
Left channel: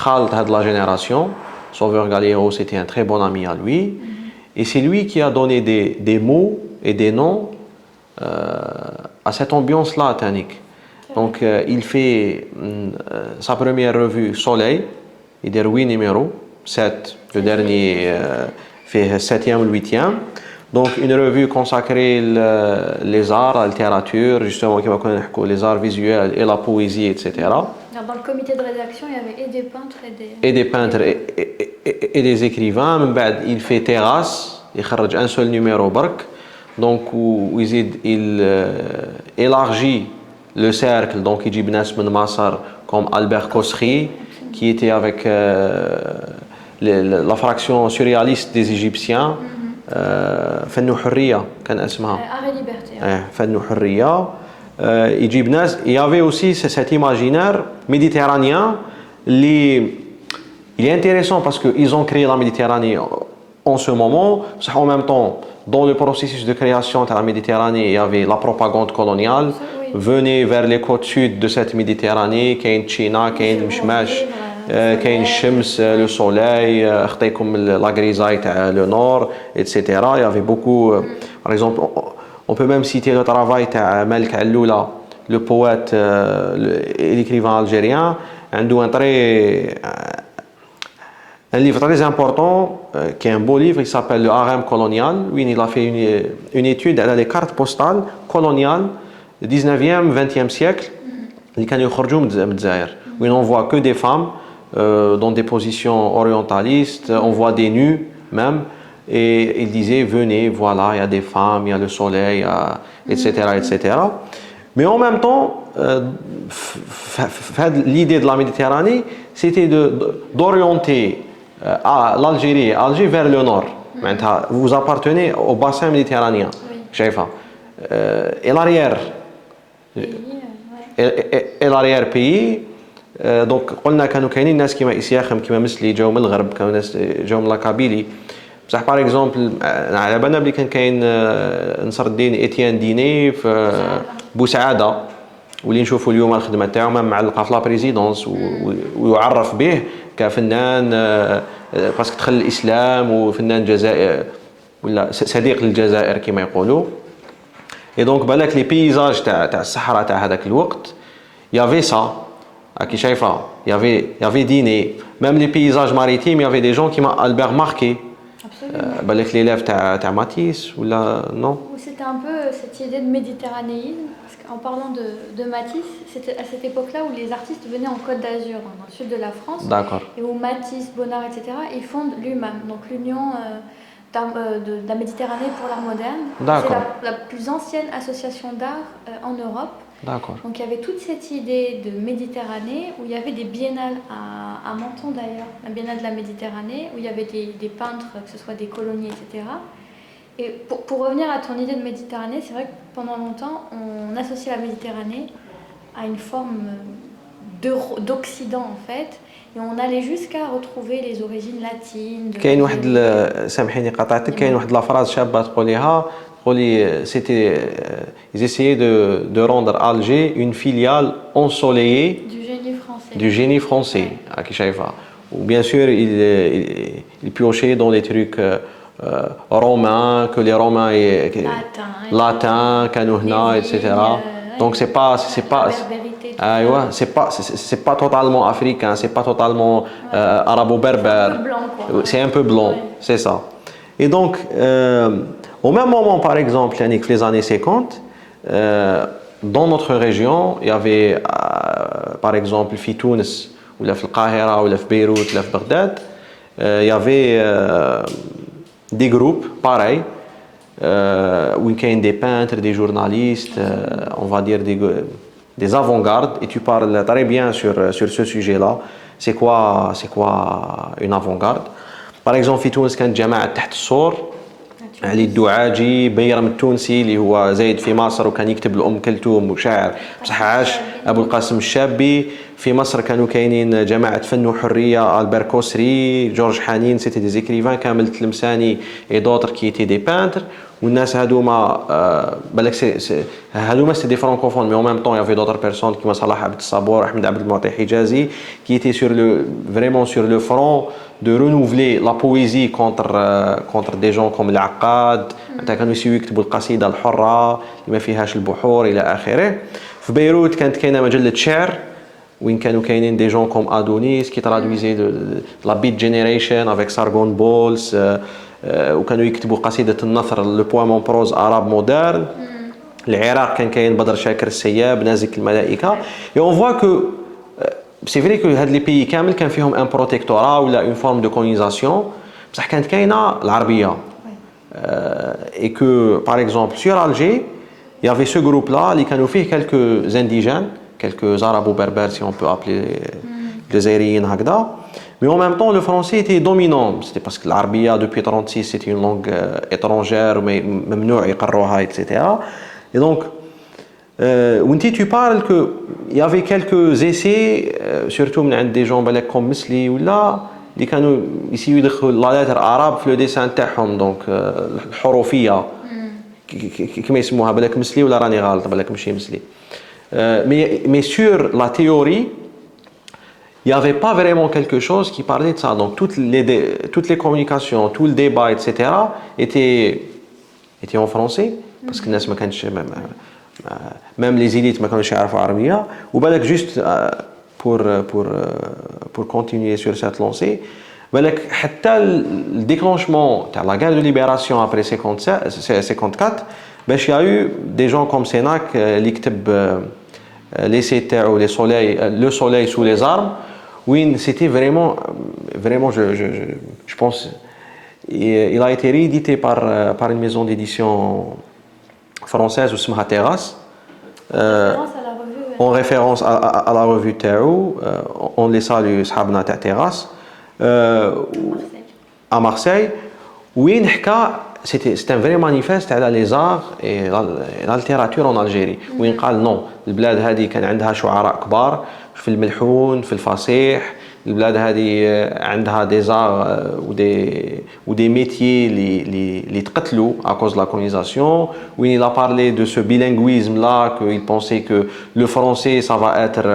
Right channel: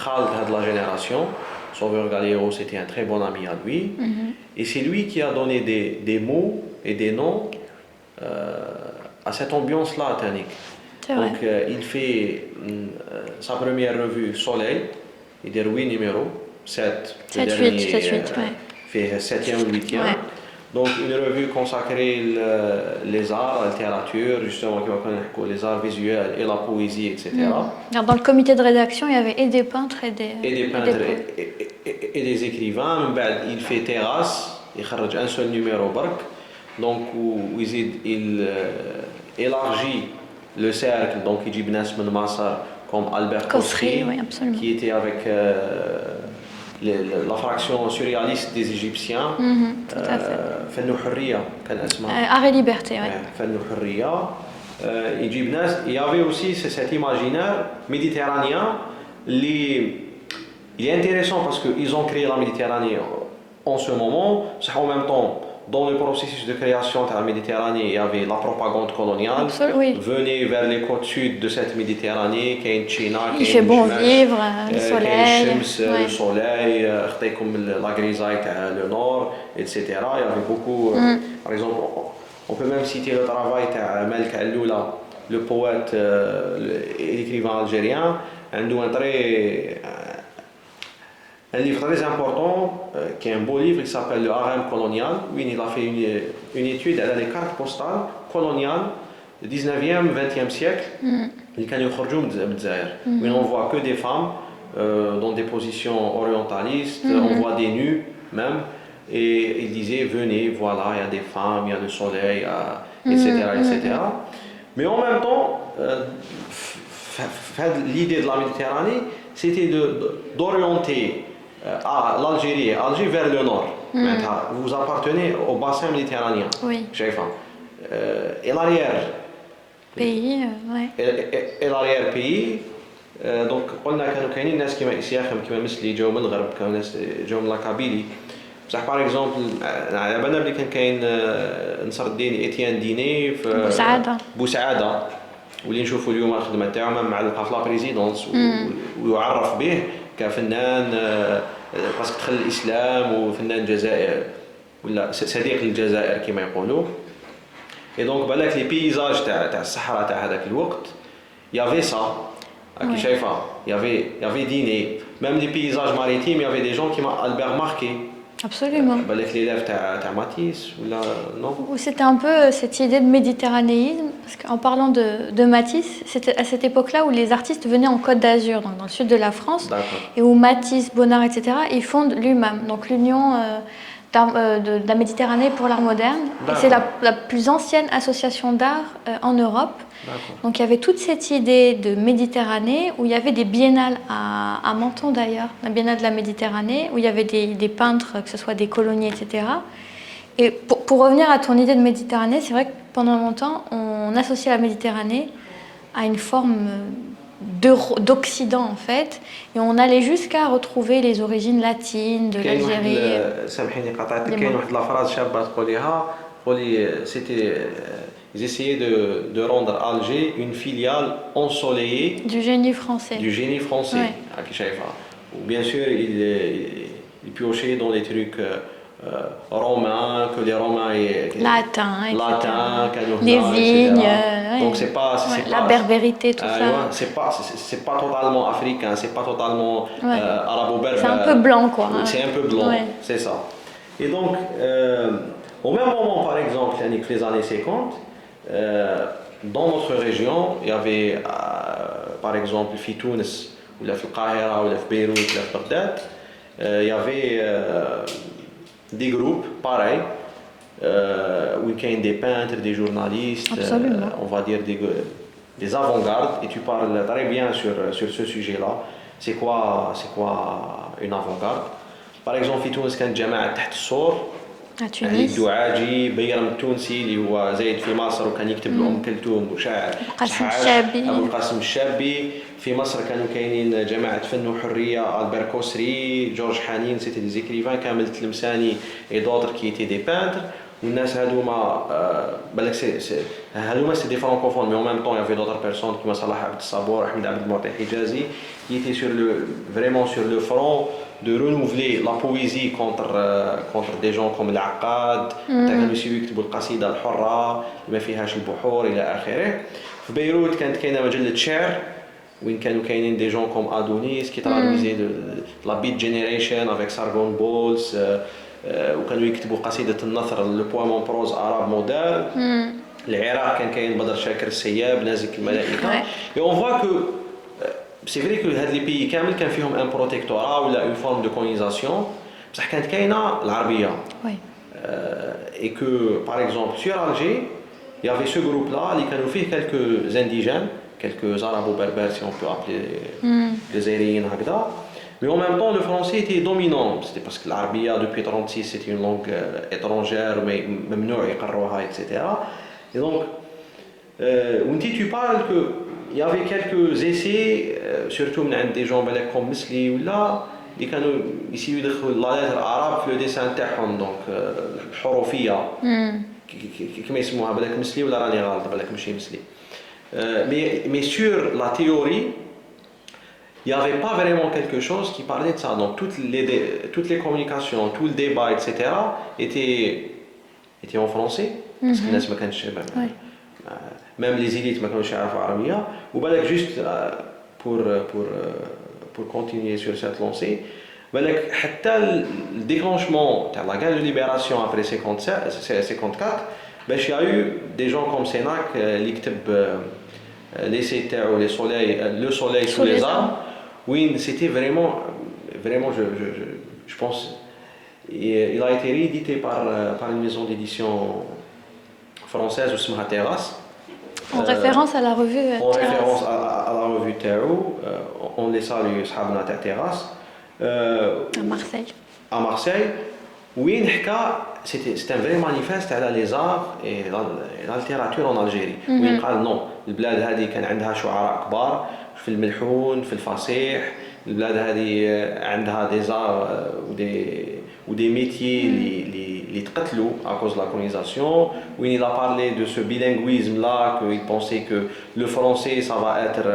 Khaled de la génération, Sauveur Galiero, c'était un très bon ami à lui. Et c'est lui qui a donné des mots et des noms à cette ambiance-là, Tanik. Donc, il fait sa première revue Soleil, il y a 8 numéros, 7, le dernier fait 7e ou 8e. Donc, une revue consacrée les arts, la littérature, justement, qui va connaître les arts visuels et la poésie, etc. Dans le comité de rédaction, il y avait et des peintres et des peintres et des écrivains. Il fait Terrasse, il خرج un seul numéro برك. Donc, où il élargit le cercle. Donc, il dit Bnas Ben Massar comme Albert Kosri, qui était avec la fraction surréaliste des Égyptiens. فن حرية كان اسمها. Art et Liberté. فن حرية. Il y avait aussi cet imaginaire méditerranéen. Il est intéressant parce qu'ils ont créé la Méditerranée en ce moment. En même temps, dans le processus de création de la Méditerranée, il y avait la propagande coloniale. Venez vers les côtes sud de cette Méditerranée, Kain China, Kain Shmash, Kain Shems, le soleil, la grisaille, le nord, etc. Il y avait beaucoup, par exemple, on peut même citer le travail de Melk Alloula, le poète et l'écrivain algérien, un livre très important, qui est un beau livre, il s'appelle Le Harem colonial, où il a fait une étude des cartes postales coloniales du 19e, 20e siècle, où on voit que des femmes dans des positions orientalistes, on voit des nus même, et il disait, venez, voilà, il y a des femmes, il y a le soleil, etc., etc. Mais en même temps, l'idée de la Méditerranée, c'était d'orienter l'Algérie, Alger vers le nord. Vous appartenez au bassin méditerranéen. Et l'arrière-pays. Et l'arrière-pays. Donc, قلنا كانوا كاينين ناس كيما إسياخم كيما مثلي جاو من الغرب كانوا ناس جاو من لاكابيلي بصح باغ اكزومبل على بالنا بلي كان نصر الدين إتيان ديني في بوسعادة واللي نشوفوا اليوم الخدمه تاعو معلقه في لا بريزيدونس ويعرف به كفنان باسكو دخل الاسلام وفنان جزائر ولا صديق للجزائر كما يقولوا. اي دونك بالك لي بيزاج تاع الصحراء تاع هذاك الوقت يافي سا راكي شايفه يافي ديني ميم لي بيزاج ماريتيم يافي دي جون كيما البير ماركي. Absolument. بالك لي ليف تاع ماتيس ولا نو. C'était un peu cette idée de méditerranéisme, parce qu'en parlant de Matisse, c'était à cette époque-là où les artistes venaient en Côte d'Azur, donc dans le sud de la France, et où Matisse, Bonnard, etc., ils fondent l'UMAM, donc l'Union de la Méditerranée pour l'art moderne. C'est la plus ancienne association d'art en Europe. Donc il y avait toute cette idée de Méditerranée où il y avait des biennales à Menton d'ailleurs, la biennale de la Méditerranée, où il y avait des peintres, que ce soit des colonies, etc. Et pour revenir à ton idée de Méditerranée, c'est vrai que pendant longtemps, on associait la Méditerranée à une forme d'Occident en fait, et on allait jusqu'à retrouver les origines latines de l'Algérie. سامحيني قطعتك كاين واحد لا فراز شابه تقوليها c'était ils essayaient de rendre Alger une filiale ensoleillée du génie français. راكي شايفه. Ou bien sûr il piochait dans les trucs romains que les Romains latins كانوا هنا etc. Donc c'est pas la berbérité tout ça. C'est pas totalement africain, c'est pas totalement arabo-berbère. C'est un peu blanc quoi. C'est un peu blanc, c'est ça. Et donc au même moment par exemple les années 50 dans notre région, il y avait par exemple في تونس ولا في القاهرة ولا في بيروت ولا في بغداد il y avait des groupes pareils où il y a des peintres, des journalistes, on va dire des avant-gardes, et tu parles très bien sur ce sujet-là. C'est quoi une avant-garde? Par exemple, في تونس كانت جماعة تحت السور علي الدعاجي، بيرم التونسي اللي هو زايد في مصر وكان يكتب لأم كلثوم وشاعر صح عاش، أبو القاسم الشابي. في مصر كانوا كاينين جماعة فن وحرية، ألبير كوسري، جورج حنين، سيتي دي زيكريفان كامل تلمساني اي دوتر كي تي دي بانتر. والناس هادوما بالك هادوما سي دي فرانكوفون مي اون ميم طون يافي دوتر بيرسون كيما صلاح عبد الصبور، احمد عبد المعطي حجازي كي ايتي سور لو فريمون سور لو فرون de renouveler la poésie contre des gens comme العقاد. حتى كانوا يسيو يكتبوا القصيدة الحرة اللي ما فيهاش البحور إلى آخره. في بيروت كانت كاينة مجلة شعر وين كانوا كاينين دي جون كوم ادونيس كي ترادويزي لا بيت جينيريشن افيك سارغون بولز، وكانوا يكتبوا قصيدة النثر لو بوام بروز اراب مودرن. العراق كان كاين بدر شاكر السياب، نازك الملائكة. et on voit que c'est vrai que هاد لي بيي كامل كان فيهم ان بروتيكتورا ولا اون فورم دو كولونيزاسيون، بصح كانت كاينه العربيه. et que par exemple sur Alger il y avait ce groupe là اللي كانوا فيه quelques indigènes, quelques arabo-berbères si on peut appeler les Zaïriens هكذا. Mais en même temps, le français était dominant. C'était parce que l'arabe depuis 1936 c'était une langue étrangère, mais ممنوع يقروها, etc. Et donc, tu parles qu'il y avait quelques essais, surtout des gens comme Misli ou là, اللي كانوا يسيو يدخلوا لا لتر عرب في لو ديسان تاعهم. دونك الحروفيه كيما يسموها، بالك مسلي ولا راني غلط، بالك ماشي مسلي. mais sur la théorie il n'y avait pas vraiment quelque chose qui parlait de ça. Donc toutes les communications, tout le débat, etc. étaient en français parce que الناس ما كانش même les élites ما كانوش يعرفوا عربيه. وبالك juste pour continuer sur cette lancée, بالك حتى le déclenchement تاع la guerre de libération après 54 باش y a eu des gens comme Sénac اللي كتب l'essai تاعو le soleil sous les armes. Oui, c'était vraiment je pense il a été réédité par une maison d'édition française اسمها Terrasse. En référence à la revue. En référence à la revue Tao, on les salue, صحابنا تاع Terrasse. À Marseille. Oui, c'est un vrai manifeste على les arts et la littérature en Algérie. وين قال non, البلاد هذه كان عندها شعراء كبار في الملحون في الفصيح. البلاد هذه عندها des arts ou des métiers اللي تقتلوا à cause de la colonisation. Oui, il a parlé de ce bilinguisme là, qu'il pensait que le français ça va être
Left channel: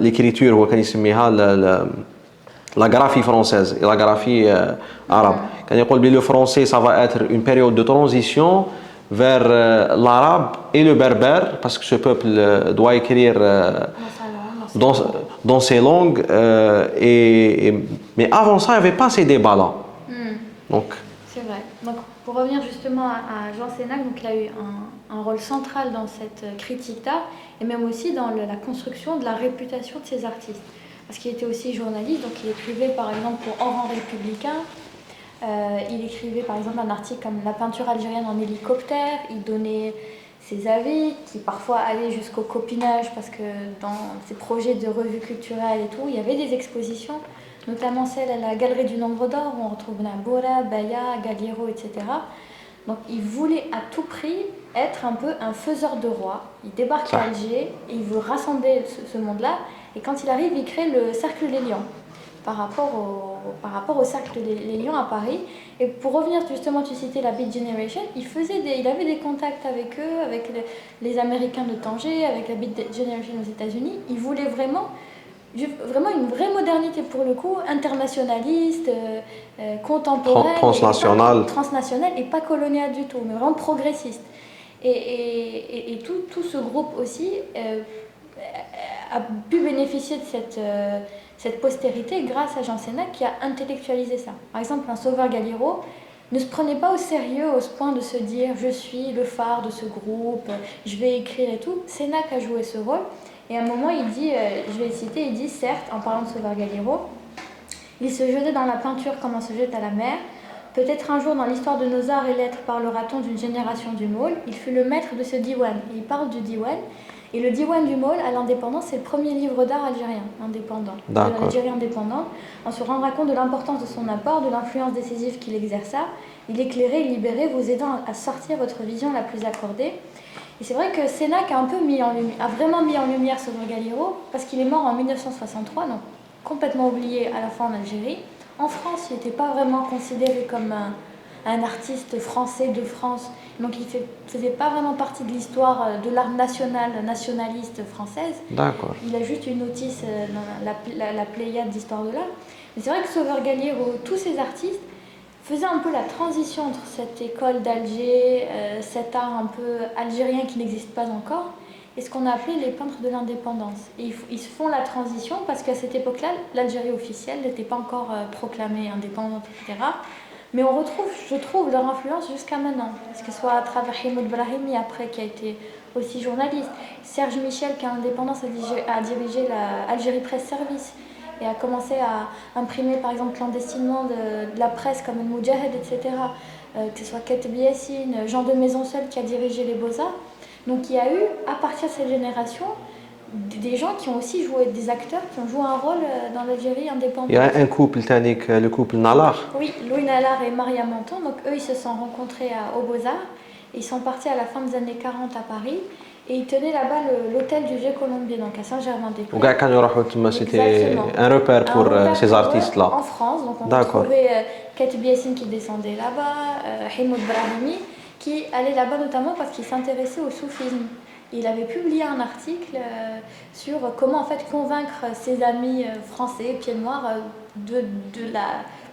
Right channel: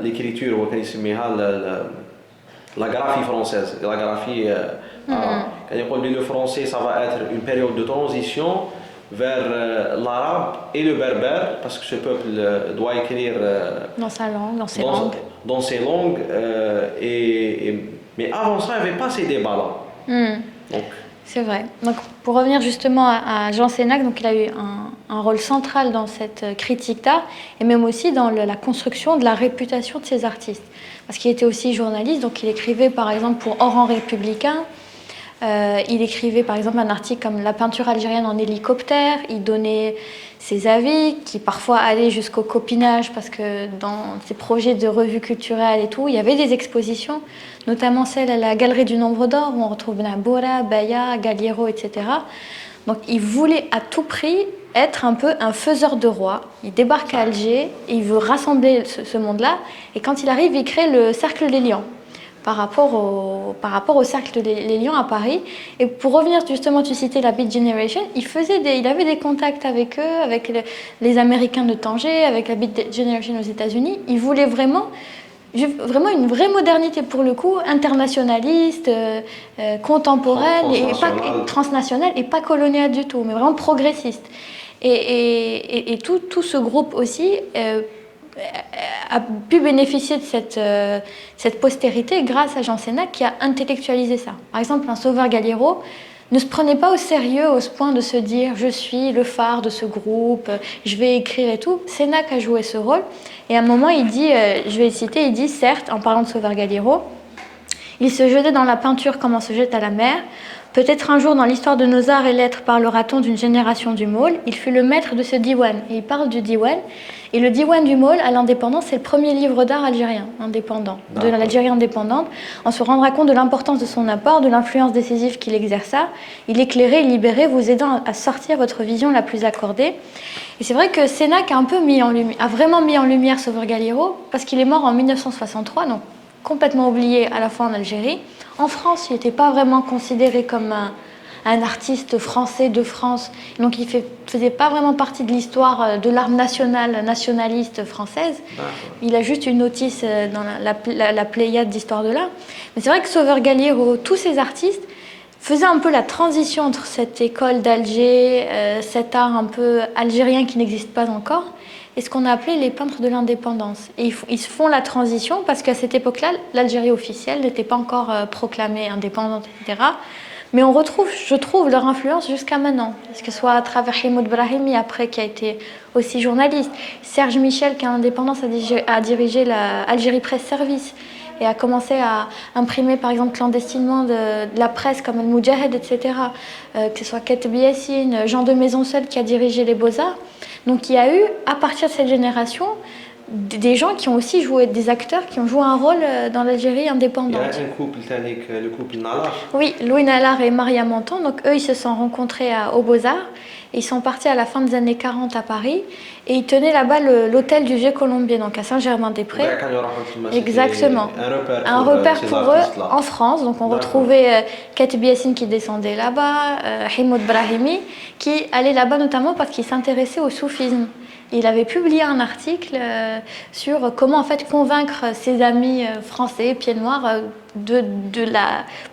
l'écriture هو كان يسميها la graphie française et la graphie arabe. كان يقول بلي le français ça va être une période de transition vers l'arabe et le berbère, parce que ce peuple doit écrire dans ses langues. Mais avant ça, il n'y avait pas ces débats-là. Donc, c'est vrai. Donc, pour revenir justement à Jean Sénac, donc il a eu un rôle central dans cette critique d'art et même aussi dans la construction de la réputation de ces artistes. Parce qu'il était aussi journaliste, donc il écrivait par exemple pour Oran Républicain. Il écrivait par exemple un article comme La peinture algérienne en hélicoptère. Il donnait ses avis qui parfois allaient jusqu'au copinage parce que dans ses projets de revues culturelles et tout, il y avait des expositions, notamment celle à la Galerie du Nombre d'Or où on retrouve Naboura, Baya, Galliero, etc. Donc il voulait à tout prix être un peu un faiseur de roi. Il débarque à Alger et il veut rassembler ce monde-là. Et quand il arrive, il crée le Cercle des Lions. Par rapport au Cercle des Lions à Paris. Et pour revenir justement, tu citais la Beat Generation, il avait des contacts avec eux, avec les Américains de Tanger, avec la Beat Generation aux États-Unis. Il voulait vraiment une vraie modernité pour le coup, internationaliste, contemporaine, transnationale et pas coloniale du tout, mais vraiment progressiste. Et tout ce groupe aussi a pu bénéficier de cette postérité grâce à Jean Sénac qui a intellectualisé ça. Par exemple, un Sauveur Galliero ne se prenait pas au sérieux au point de se dire « je suis le phare de ce groupe, je vais écrire et tout ». Sénac a joué ce rôle et à un moment il dit, je vais le citer, il dit certes, en parlant de Sauveur Galliero, Il se jetait dans la peinture comme on se jette à la mer. Peut-être un jour dans l'histoire de nos arts et lettres parlera-t-on d'une génération du Maul. Il fut le maître de ce diwan. Et il parle du diwan. Et le diwan du Maul, à l'indépendance, c'est le premier livre d'art algérien indépendant, de l'Algérie indépendante. On se rendra compte de l'importance de son apport, de l'influence décisive qu'il exerça. Il éclairait et libérait, vous aidant à sortir votre vision la plus accordée. Et c'est vrai que Sénac a un peu a vraiment mis en lumière Sauveur Galiero, parce qu'il est mort en 1963, donc complètement oublié à la fois en Algérie. En France, il n'était pas vraiment considéré comme un artiste français de France, donc il ne faisait pas vraiment partie de l'histoire de l'art nationaliste française. Il a juste une notice dans la pléiade d'histoire de l'art. Mais c'est vrai que Sauveur Galiero, tous ces artistes, faisaient un peu la transition entre cette école d'Alger, cet art un peu algérien qui n'existe pas encore, et ce qu'on a appelé les peintres de l'indépendance. Et ils font la transition parce qu'à cette époque-là, l'Algérie officielle n'était pas encore proclamée indépendante, etc. Mais on retrouve, je trouve, leur influence jusqu'à maintenant. Que ce soit à travers Himoud Brahimi, après, qui a été aussi journaliste. Serge Michel, qui à l'indépendance a dirigé la Algérie Presse Service et a commencé à imprimer, par exemple, clandestinement de la presse comme El Moudjahed, etc. Que ce soit Keteb Yassine, Jean de Maisonseul, qui a dirigé les Beaux-Arts. Donc il y a eu, à partir de cette génération, des gens qui ont aussi joué, des acteurs qui ont joué un rôle dans l'Algérie indépendante. Il y a un couple, le couple Nalar. Oui, Louis Nalar et Maria Menton. Donc eux, ils se sont rencontrés aux Beaux-Arts. Ils sont partis à la fin des années 40 à Paris et ils tenaient là-bas l'hôtel du Vieux Colombier, donc à Saint-Germain-des-Prés. Exactement. Un repère pour ces artistes-là. En France, donc on retrouvait Keteb Yassine qui descendait là-bas, Himoud Brahimi qui allait là-bas notamment parce qu'il s'intéressait au soufisme. Il avait publié un article sur comment en fait convaincre ses amis français, pieds noirs,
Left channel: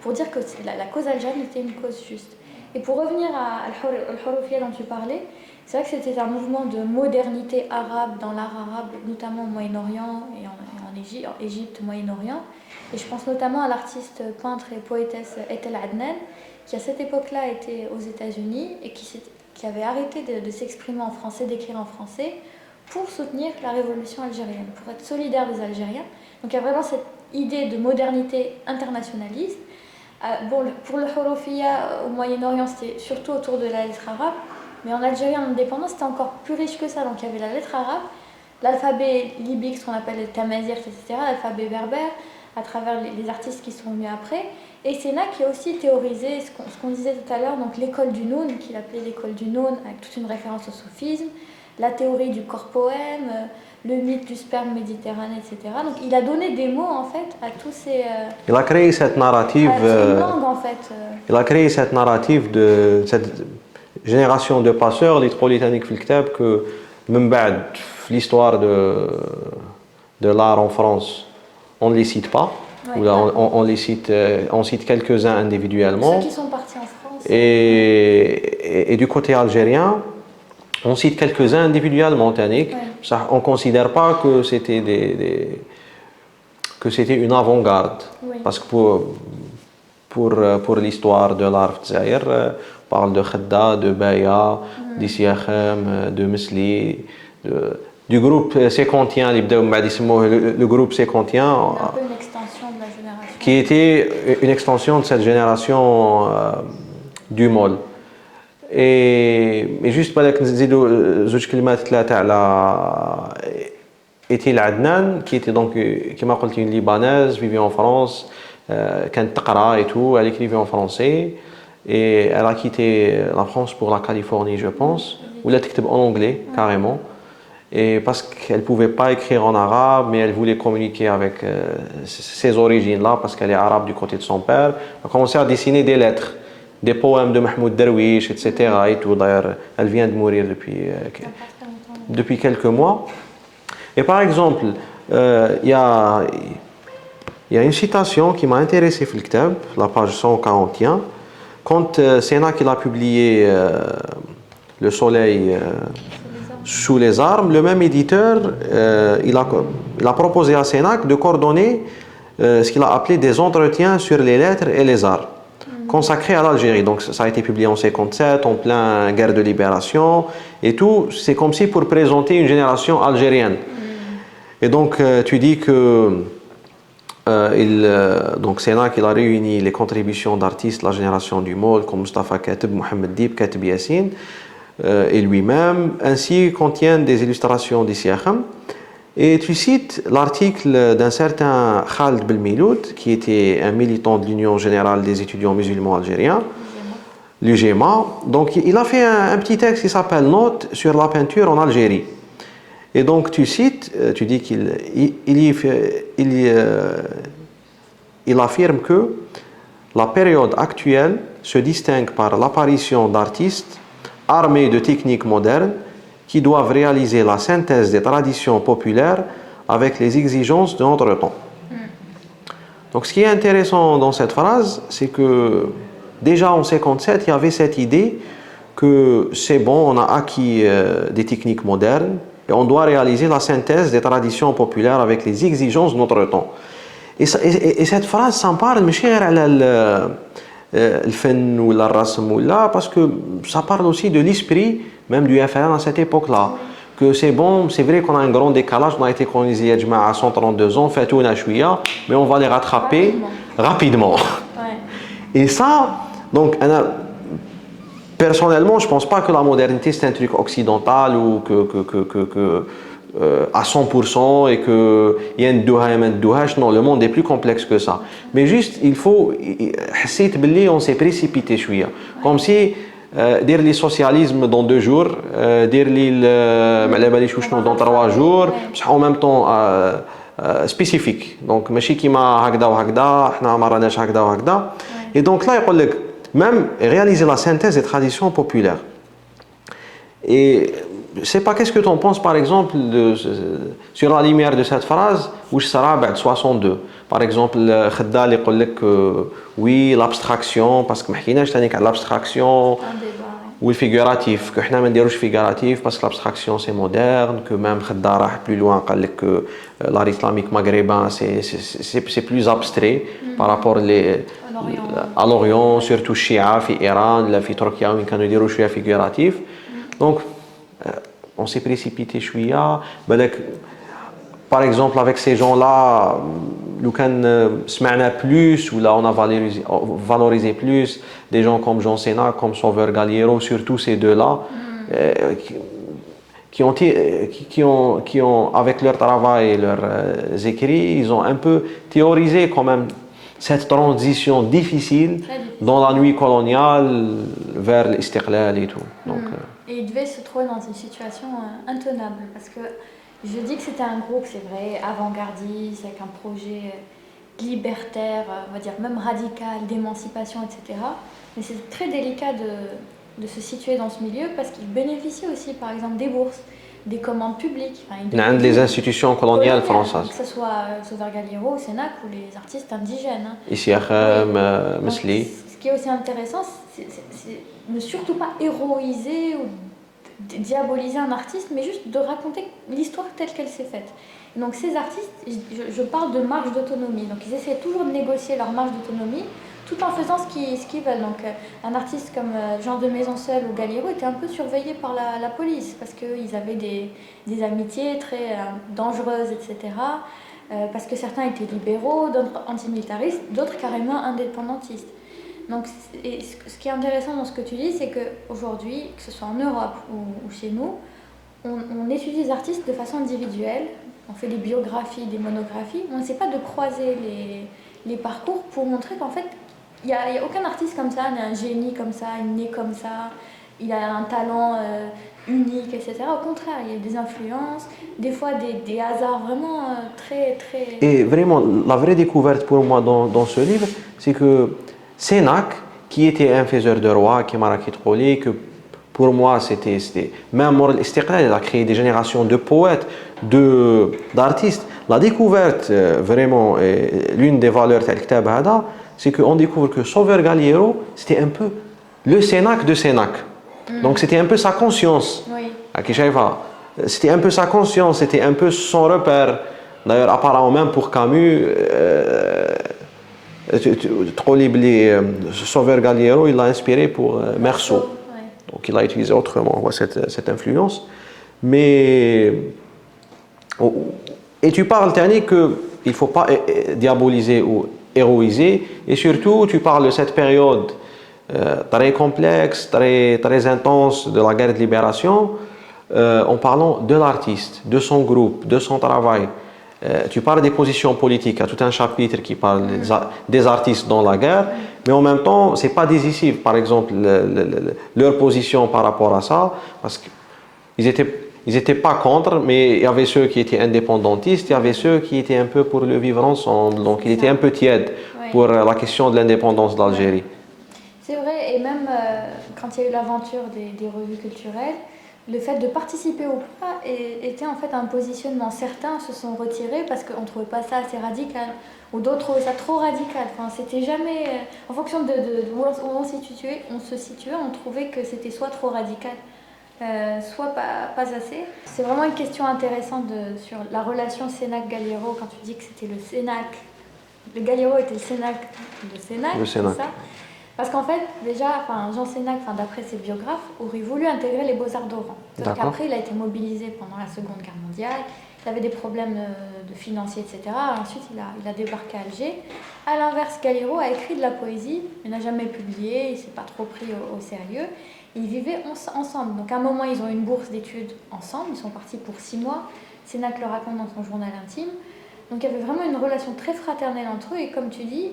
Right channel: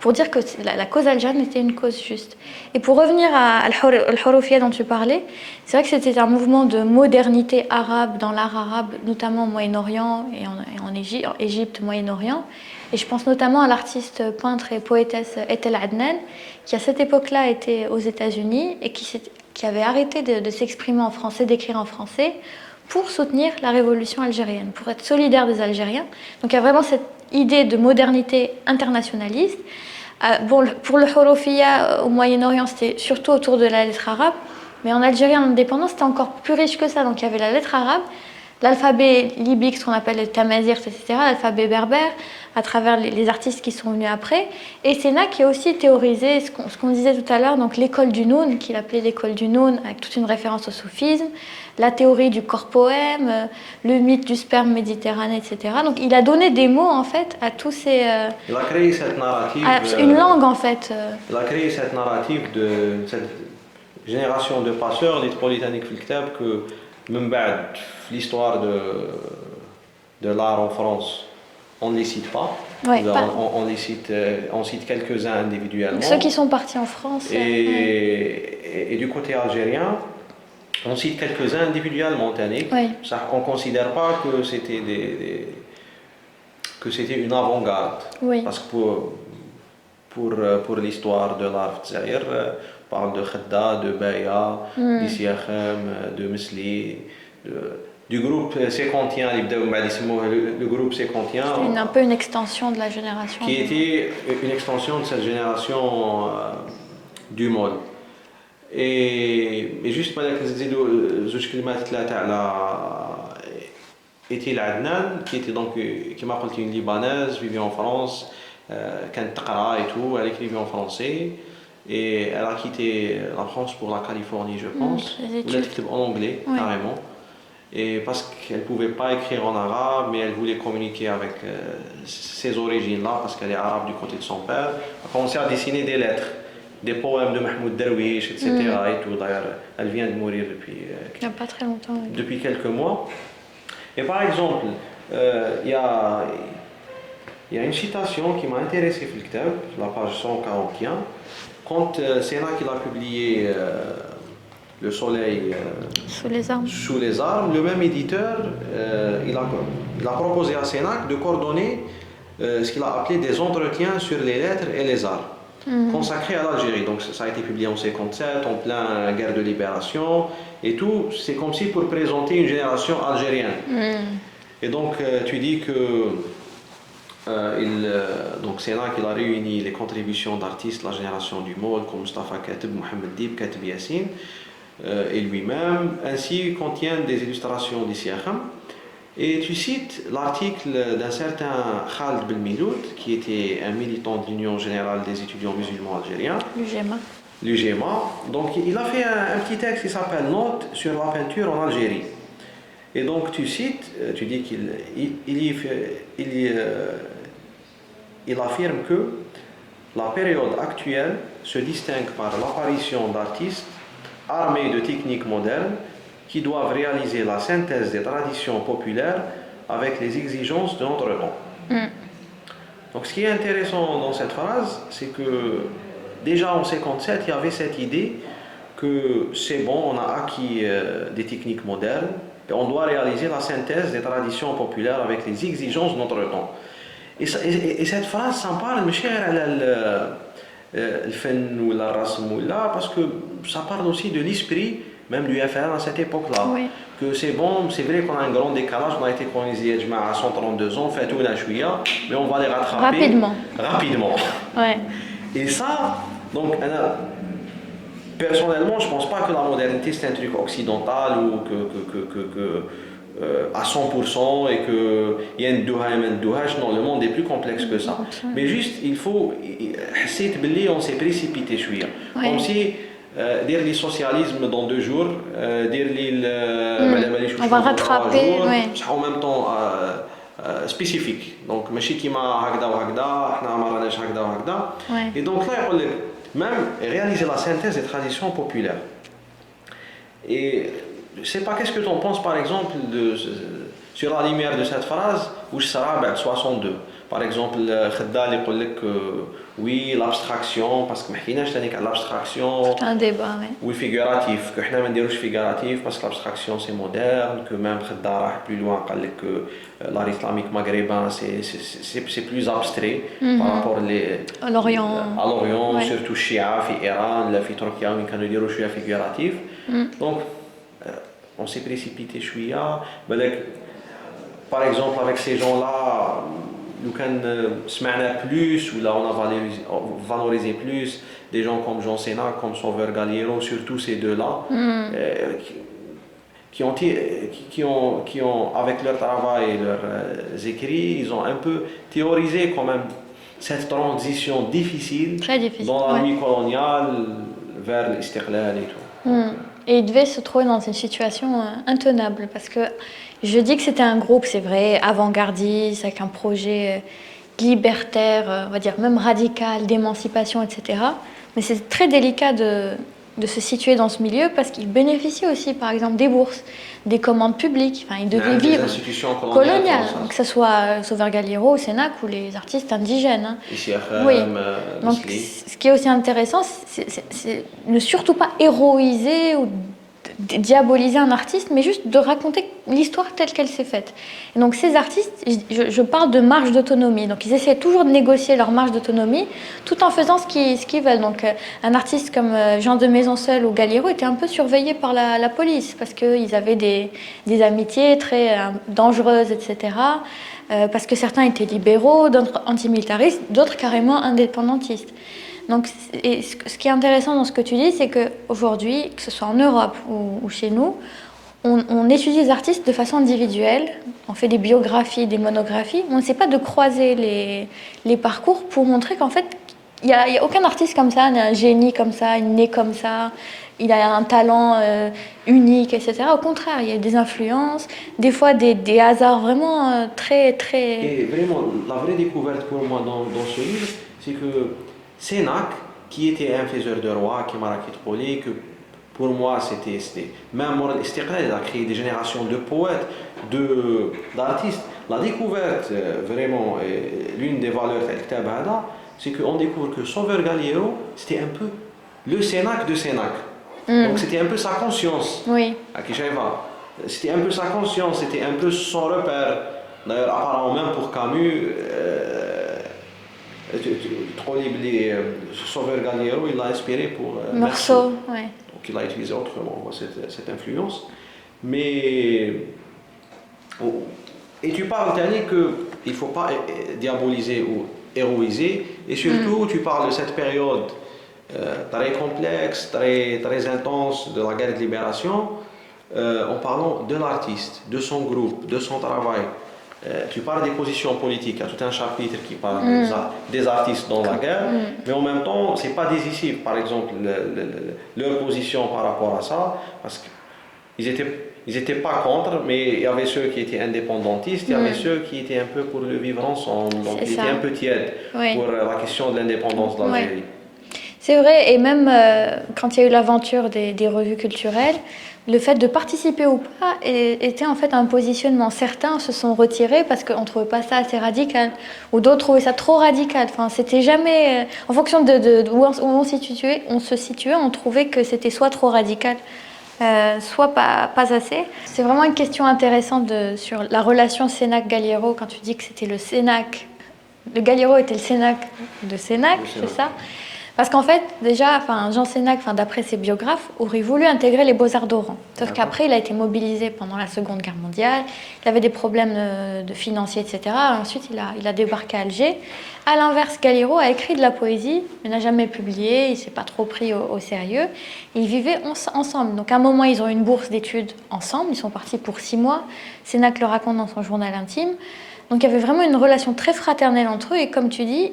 pour dire que la cause algérienne était une cause juste. Et pour revenir à Al-Houroufia dont tu parlais, c'est vrai que c'était un mouvement de modernité arabe dans l'art arabe, notamment au Moyen-Orient et en Égypte, Moyen-Orient. Et je pense notamment à l'artiste peintre et poétesse Etel Adnan, qui à cette époque-là était aux États-Unis et qui avait arrêté de s'exprimer en français, d'écrire en français, pour soutenir la révolution algérienne, pour être solidaire des Algériens. Donc il y a vraiment cette idée de modernité internationaliste. Bon, pour le Houroufia au Moyen-Orient, c'était surtout autour de la lettre arabe, mais en Algérie, en indépendance, c'était encore plus riche que ça. Donc il y avait la lettre arabe, l'alphabet libyque, ce qu'on appelle le tamazirt, etc., l'alphabet berbère, à travers les artistes qui sont venus après. Et Sénac qui a aussi théorisé ce qu'on disait tout à l'heure, donc l'école du Noun, qu'il appelait l'école du Noun, avec toute une référence au soufisme, la théorie du corps-poème, le mythe du sperme méditerranéen, etc. Donc il a donné des mots en fait à tous ces... il a créé cette narrative... une langue en fait. Il a créé cette narrative de cette génération de passeurs, les Trollitaniques Filktab, que même l'histoire de l'art en France, on ne les cite pas. Ouais, on cite quelques-uns individuellement. Ceux qui sont partis en France. Et du côté algérien, on cite quelques-uns individuellement. Ouais. On ne considère pas que c'était une avant-garde. Oui. Parce que pour l'histoire de l'art Zaïr, on parle de Khedda, de Baya, d'Issiakhem, de Mesli, du groupe sécontien, le groupe sécontien. C'est un peu une extension de la génération. Qui était une extension de cette génération du Maul. Et juste pour زوج كلمات ثلاثة على Etel Adnan, qui était donc, comme je l'ai dit, une Libanaise, vivait en France, كانت تقرا et tout, elle écrivait en français. Et elle a quitté la France pour la Californie, je pense, ou elle écrit en anglais, carrément. Et parce qu'elle ne pouvait pas écrire en arabe, mais elle voulait communiquer avec ses origines-là, parce qu'elle est arabe du côté de son père. Elle a commencé à dessiner des lettres, des poèmes de Mahmoud Darwish, etc. Et tout. D'ailleurs, elle vient de mourir pas très longtemps, depuis quelques mois. Et par exemple, il y a une citation qui m'a intéressé dans le Kitab, la page 141, quand Sénac a publié Le Soleil sous les armes, le même éditeur, il a proposé à Sénac de coordonner ce qu'il a appelé des entretiens sur les lettres et les arts, consacrés à l'Algérie. Donc ça a été publié en 1957, en plein guerre de libération et tout. C'est comme si pour présenter une génération algérienne. Et donc tu dis que Donc Sénac, il a réuni les contributions d'artistes de la génération du MOL comme Mustafa Kateb, Mohamed Dib, Kateb Yassine et lui-même, ainsi contient des illustrations d'Issiakham. Et tu cites l'article d'un certain Khaled Belmiloud, qui était un militant de l'Union générale des étudiants musulmans algériens, l'UGMA. Donc il a fait un petit texte qui s'appelle Notes sur la peinture en Algérie. Et donc tu cites, tu dis il affirme que la période actuelle se distingue par l'apparition d'artistes armés de techniques modernes qui doivent réaliser la synthèse des traditions populaires avec les exigences de notre temps. Donc ce qui est intéressant dans cette phrase, c'est que déjà en 1957, il y avait cette idée que c'est bon, on a acquis des techniques modernes et on doit réaliser la synthèse des traditions populaires avec les exigences de notre temps. Et cette phrase, ça me parle, le fen ou la rasm ou là, parce que ça parle aussi de l'esprit même du FLN à cette époque-là. Oui. Que c'est bon, c'est vrai qu'on a un grand décalage, on a été colonisé à 132 ans, fait tout mais on va les rattraper rapidement. Ouais. Et ça, donc, personnellement, je ne pense pas que la modernité c'est un truc occidental ou à 100% et qu'il y a une douha et une douhache. Non, le monde est plus complexe que ça. Mais juste, il faut. On s'est précipité, comme si. Dire le socialisme dans 2 jours, dire dans 3 jours, en même temps spécifique. Donc, ماشي كيما هكذا وهكذا، احنا ما راناش هكذا وهكذا. Et donc là, il يقول لك même réaliser la synthèse des traditions populaires. Et je ne sais pas qu'est-ce que tu en penses par exemple sur la lumière de cette phrase où je serai بعد 62. Par exemple, Khaddal يقول لك oui l'abstraction parce que ما حكيناش ثاني على l'abstraction. C'est un débat, Oui figuratif que احنا ما نديروش figuratif parce que l'abstraction c'est moderne que même Khaddal راح plus loin قال لك que l'art islamique maghrébin c'est plus abstrait par rapport à l'Orient surtout Shia في إيران لا في تركيا وين كانوا يديروا شوية figuratif. Donc on s'est précipité chouïa. Par exemple, avec ces gens-là, nous avons plus, ou là on a valorisé plus des gens comme Jean Sénac, comme Sauveur Galiero, surtout ces deux-là, qui ont, avec leur travail et leurs écrits, ils ont un peu théorisé quand même cette transition difficile dans la nuit coloniale vers l'istiqlal et tout. Donc, et il devait se trouver dans une situation intenable parce que je dis que c'était un groupe, c'est vrai, avant-gardiste, avec un projet libertaire, on va dire même radical, d'émancipation, etc. Mais c'est très délicat de se situer dans ce milieu parce qu'ils bénéficient aussi, par exemple, des bourses, des commandes publiques. Enfin, des institutions coloniales françaises. Que ce soit Sauveur Galiero, Sénac ou les artistes indigènes. Issiakham, Mesli. Ce qui est aussi intéressant, c'est ne surtout pas héroïser ou diaboliser un artiste, mais juste de raconter l'histoire telle qu'elle s'est faite. Et donc ces artistes, je parle de marge d'autonomie. Donc ils essaient toujours de négocier leur marge d'autonomie tout en faisant ce qu'ils veulent. Donc un artiste comme Jean de Maisonseul ou Galiero était un peu surveillé par la police parce qu'ils avaient des amitiés très dangereuses, etc. Parce que certains étaient libéraux, d'autres antimilitaristes, d'autres carrément indépendantistes. Donc, ce qui est intéressant dans ce que tu dis, c'est qu'aujourd'hui, que ce soit en Europe ou chez nous, on étudie les artistes de façon individuelle, on fait des biographies, des monographies, on n'essaie pas de croiser les parcours pour montrer qu'en fait, il n'y a aucun artiste comme ça, un génie comme ça, né comme ça, il a un talent unique, etc. Au contraire, il y a des influences, des fois des hasards vraiment très, très... Et vraiment, la vraie découverte pour moi dans ce livre, c'est que Sénac, qui était un faiseur de roi, qui m'a raconté que pour moi c'était même Moral Istiqlal, il a créé des générations de poètes, d'artistes. La découverte vraiment, l'une des valeurs de Kitab Hada, c'est qu'on découvre que Sauveur Galiero, c'était un peu le Sénac de Sénac. Donc c'était un peu sa conscience. Oui. C'était un peu sa conscience, c'était un peu son repère. D'ailleurs, apparemment même pour Camus, Sauveur Galiero, il l'a inspiré pour Meursault. Ouais. Donc il l'a utilisé autrement, cette influence. Mais Et tu parles, Tani, qu'il ne faut pas diaboliser ou héroïser. Et surtout, tu parles de cette période très complexe, très intense de la guerre de libération, en parlant de l'artiste, de son groupe, de son travail. Tu parles des positions politiques, il y a tout un chapitre qui parle des artistes dans la guerre, mais en même temps, ce n'est pas décisif, par exemple, leur position par rapport à ça, parce qu'ils étaient pas contre, mais il y avait ceux qui étaient indépendantistes, il y avait ceux qui étaient un peu pour le vivre ensemble, donc ils étaient un peu tièdes pour la question de l'indépendance d'Algérie. C'est vrai, et même quand il y a eu l'aventure des revues culturelles, le fait de participer ou pas était en fait un positionnement. Certains se sont retirés parce qu'on ne trouvait pas ça assez radical, ou d'autres trouvaient ça trop radical. Enfin, c'était jamais... en fonction où on se situait, on trouvait que c'était soit trop radical, soit pas assez. C'est vraiment une question intéressante sur la relation Sénac-Galiero, quand tu dis que c'était le Sénac. Le Galiero était le Sénac de Sénac, c'est ça ? Parce qu'en fait, déjà, Jean Sénac, d'après ses biographes, aurait voulu intégrer les Beaux-Arts d'Oran. Sauf qu'après, il a été mobilisé pendant la Seconde Guerre mondiale, il avait des problèmes de financiers, etc. Ensuite, il a débarqué à Alger. À l'inverse, Galiero a écrit de la poésie, mais n'a jamais publié, il ne s'est pas trop pris au sérieux. Ils vivaient ensemble. Donc à un moment, ils ont eu une bourse d'études ensemble, ils sont partis pour 6 mois. Sénac le raconte dans son journal intime. Donc il y avait vraiment une relation très fraternelle entre eux, et comme tu dis,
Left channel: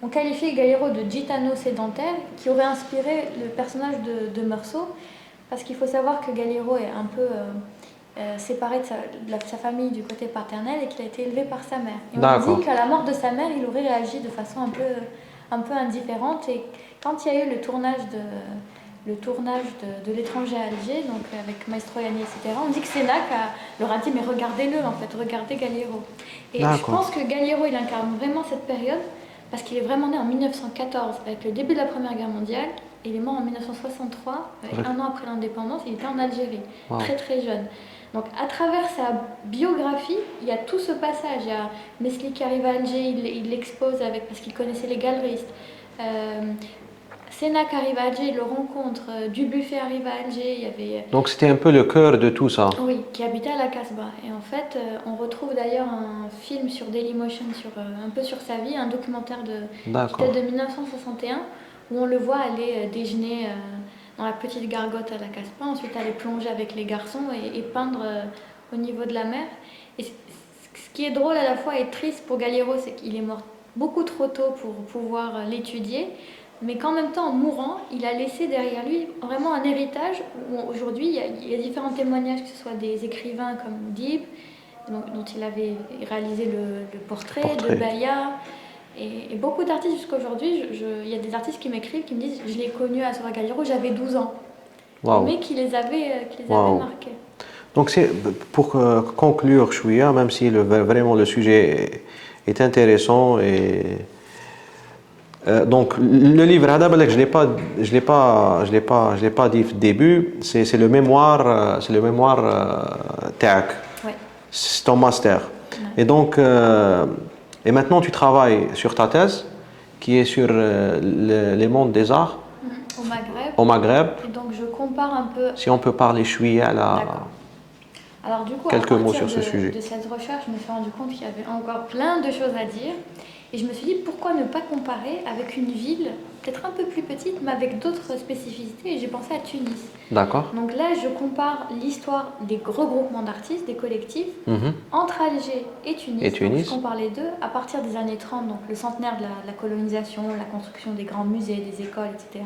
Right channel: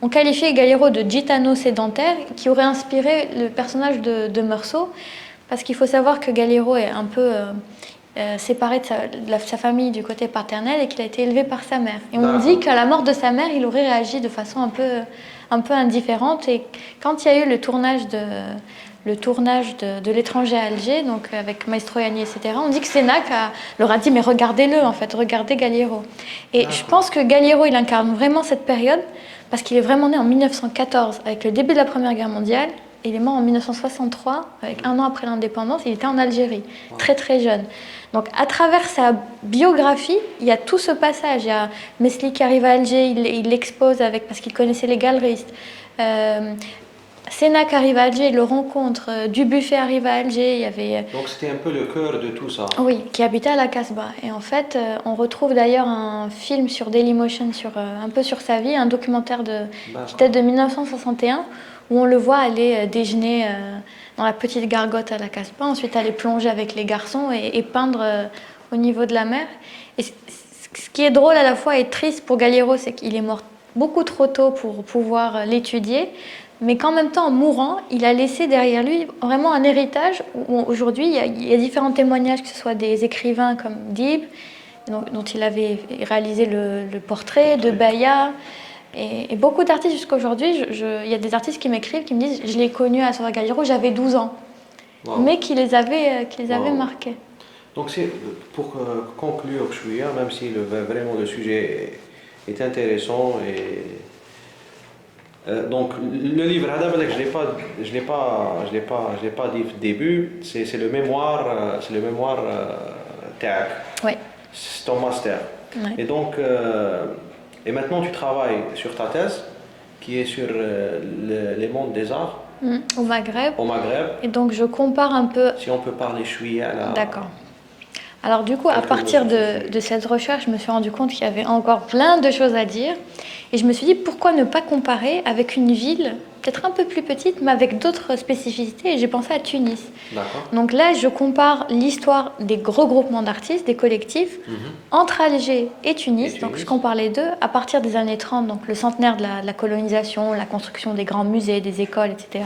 on qualifiait Galiero de gitano sédentaire, qui aurait inspiré le personnage de Meursault, parce qu'il faut savoir que Galiero est un peu séparé de sa famille du côté paternel et qu'il a été élevé par sa mère. Et on dit qu'à la mort de sa mère, il aurait réagi de façon un peu indifférente. Et quand il y a eu le tournage de L'étranger à Alger, donc avec Maestro Yanni, etc., on dit que Sénac leur a dit « mais regardez-le, en fait, regardez Galiero ». Et je pense que Galiero, il incarne vraiment cette période, parce qu'il est vraiment né en 1914, avec le début de la Première Guerre mondiale, et il est mort en 1963, avec 1 an après l'indépendance. Il était en Algérie, très très jeune. Donc à travers sa biographie, il y a tout ce passage. Il y a Mesli qui arrive à Alger, il l'expose parce qu'il connaissait les galeristes. Sénac arrive à Alger, il le rencontre. Dubuffet arrive à Alger. Il y avait... Donc c'était un peu le cœur de tout ça. Oui, qui habitait à la Casbah. Et en fait, on retrouve d'ailleurs un film sur Dailymotion, un peu sur sa vie, un documentaire qui date de 1961, où on le voit aller déjeuner dans la petite gargote à la Casbah, ensuite aller plonger avec les garçons et peindre au niveau de la mer. Et ce qui est drôle à la fois et triste pour Galiero, c'est qu'il est mort beaucoup trop tôt pour pouvoir l'étudier, mais qu'en même temps, en mourant, il a laissé derrière lui vraiment un héritage où aujourd'hui, il y a différents témoignages, que ce soit des écrivains comme Dib, dont il avait réalisé le portrait, de Baya, et beaucoup d'artistes jusqu'aujourd'hui. Il y a des artistes qui m'écrivent, qui me disent « je l'ai connu à Sora Galiero, j'avais 12 ans », mais qui les avait marqués. Donc c'est pour conclure, Chouïa, même si vraiment le sujet est intéressant et... donc le livre, je l'ai pas dit au début, c'est le mémoire, TAC. Oui. C'est ton master. Oui. Et donc, et maintenant tu travailles sur ta thèse, qui est sur les mondes des arts. Au Maghreb. Au Maghreb. Et donc je compare un peu. Si on peut parler chouïa là. D'accord. Alors du coup, à partir de cette recherche, je me suis rendu compte qu'il y avait encore plein de choses à dire. Et je me suis dit, pourquoi ne pas comparer avec une ville, peut-être un peu plus petite, mais avec d'autres spécificités. Et j'ai pensé à Tunis. D'accord. Donc là, je compare l'histoire des regroupements d'artistes, des collectifs, entre Alger et Tunis. Donc je compare les deux à partir des années 30, donc le centenaire de la colonisation, la construction des grands musées, des écoles, etc.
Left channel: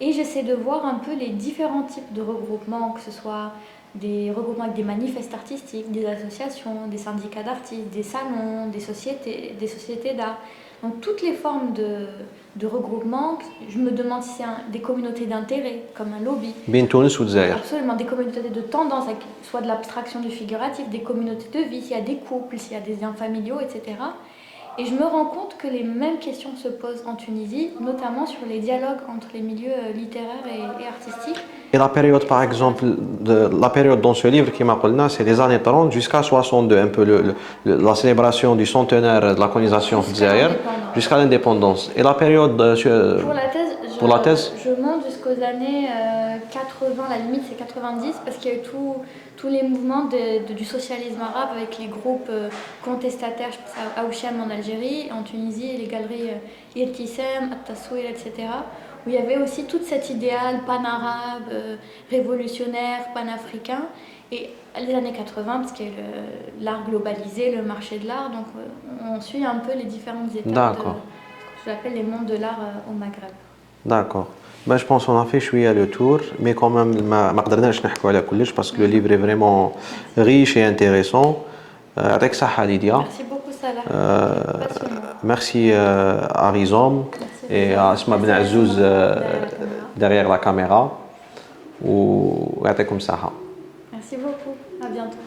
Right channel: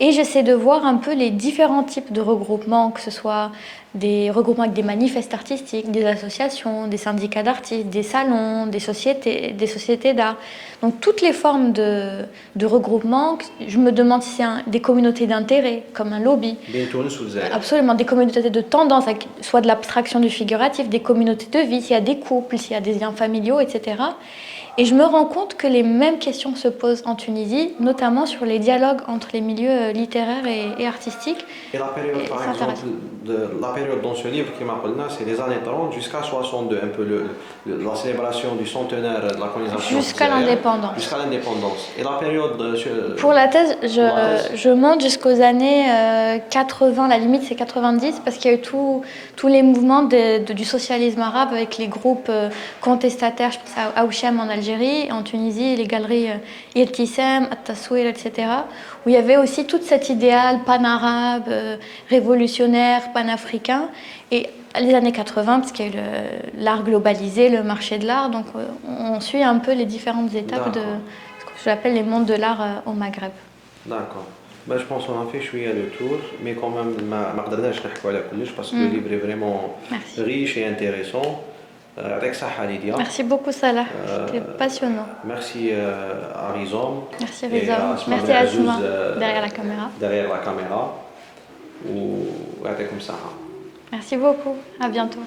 Et j'essaie de voir un peu les différents types de regroupements, que ce soit des regroupements avec des manifestes artistiques, des associations, des syndicats d'artistes, des salons, des sociétés d'art. Donc toutes les formes de regroupement, je me demande si c'est des communautés d'intérêt, comme un lobby. Absolument, des communautés de tendance, soit de l'abstraction du figuratif, des communautés de vie, s'il y a des couples, s'il y a des liens familiaux, etc. Et je me rends compte que les mêmes questions se posent en Tunisie, notamment sur les dialogues entre les milieux littéraires et artistiques. Et la période, par ça exemple, la période dans ce livre qui m'appelle, c'est les années 30 jusqu'à 62, un peu la célébration du centenaire de la colonisation Jusqu'à d'Israël, l'indépendance. jusqu'à l'indépendance. Et la période Pour la thèse, pour la thèse je monte jusqu'aux années 80, la limite c'est 90, parce qu'il y a eu tous les mouvements du socialisme arabe avec les groupes contestataires, je pense à Ouchem en Algérie, en Tunisie, les galeries Irtisem, At-Taswir, etc., où il y avait aussi tout cet idéal pan-arabe, révolutionnaire, panafricain. Et les années 80, parce qu'il y a eu l'art globalisé, le marché de l'art, donc on suit un peu les différentes étapes de ce que j'appelle les mondes de l'art au Maghreb. D'accord. Ben, je pense qu'on a fait le tour, mais quand même, ما قدرناش نحكوا على كلش parce que le livre est vraiment riche et intéressant. يعطيك الصحة Lydia. Merci beaucoup Salah, c'était passionnant. Merci à Rizom Merci et Rizom. à Asma Ben Merci à Azouz Asma, derrière la caméra. ويعطيكم الصحة. Merci beaucoup, à bientôt.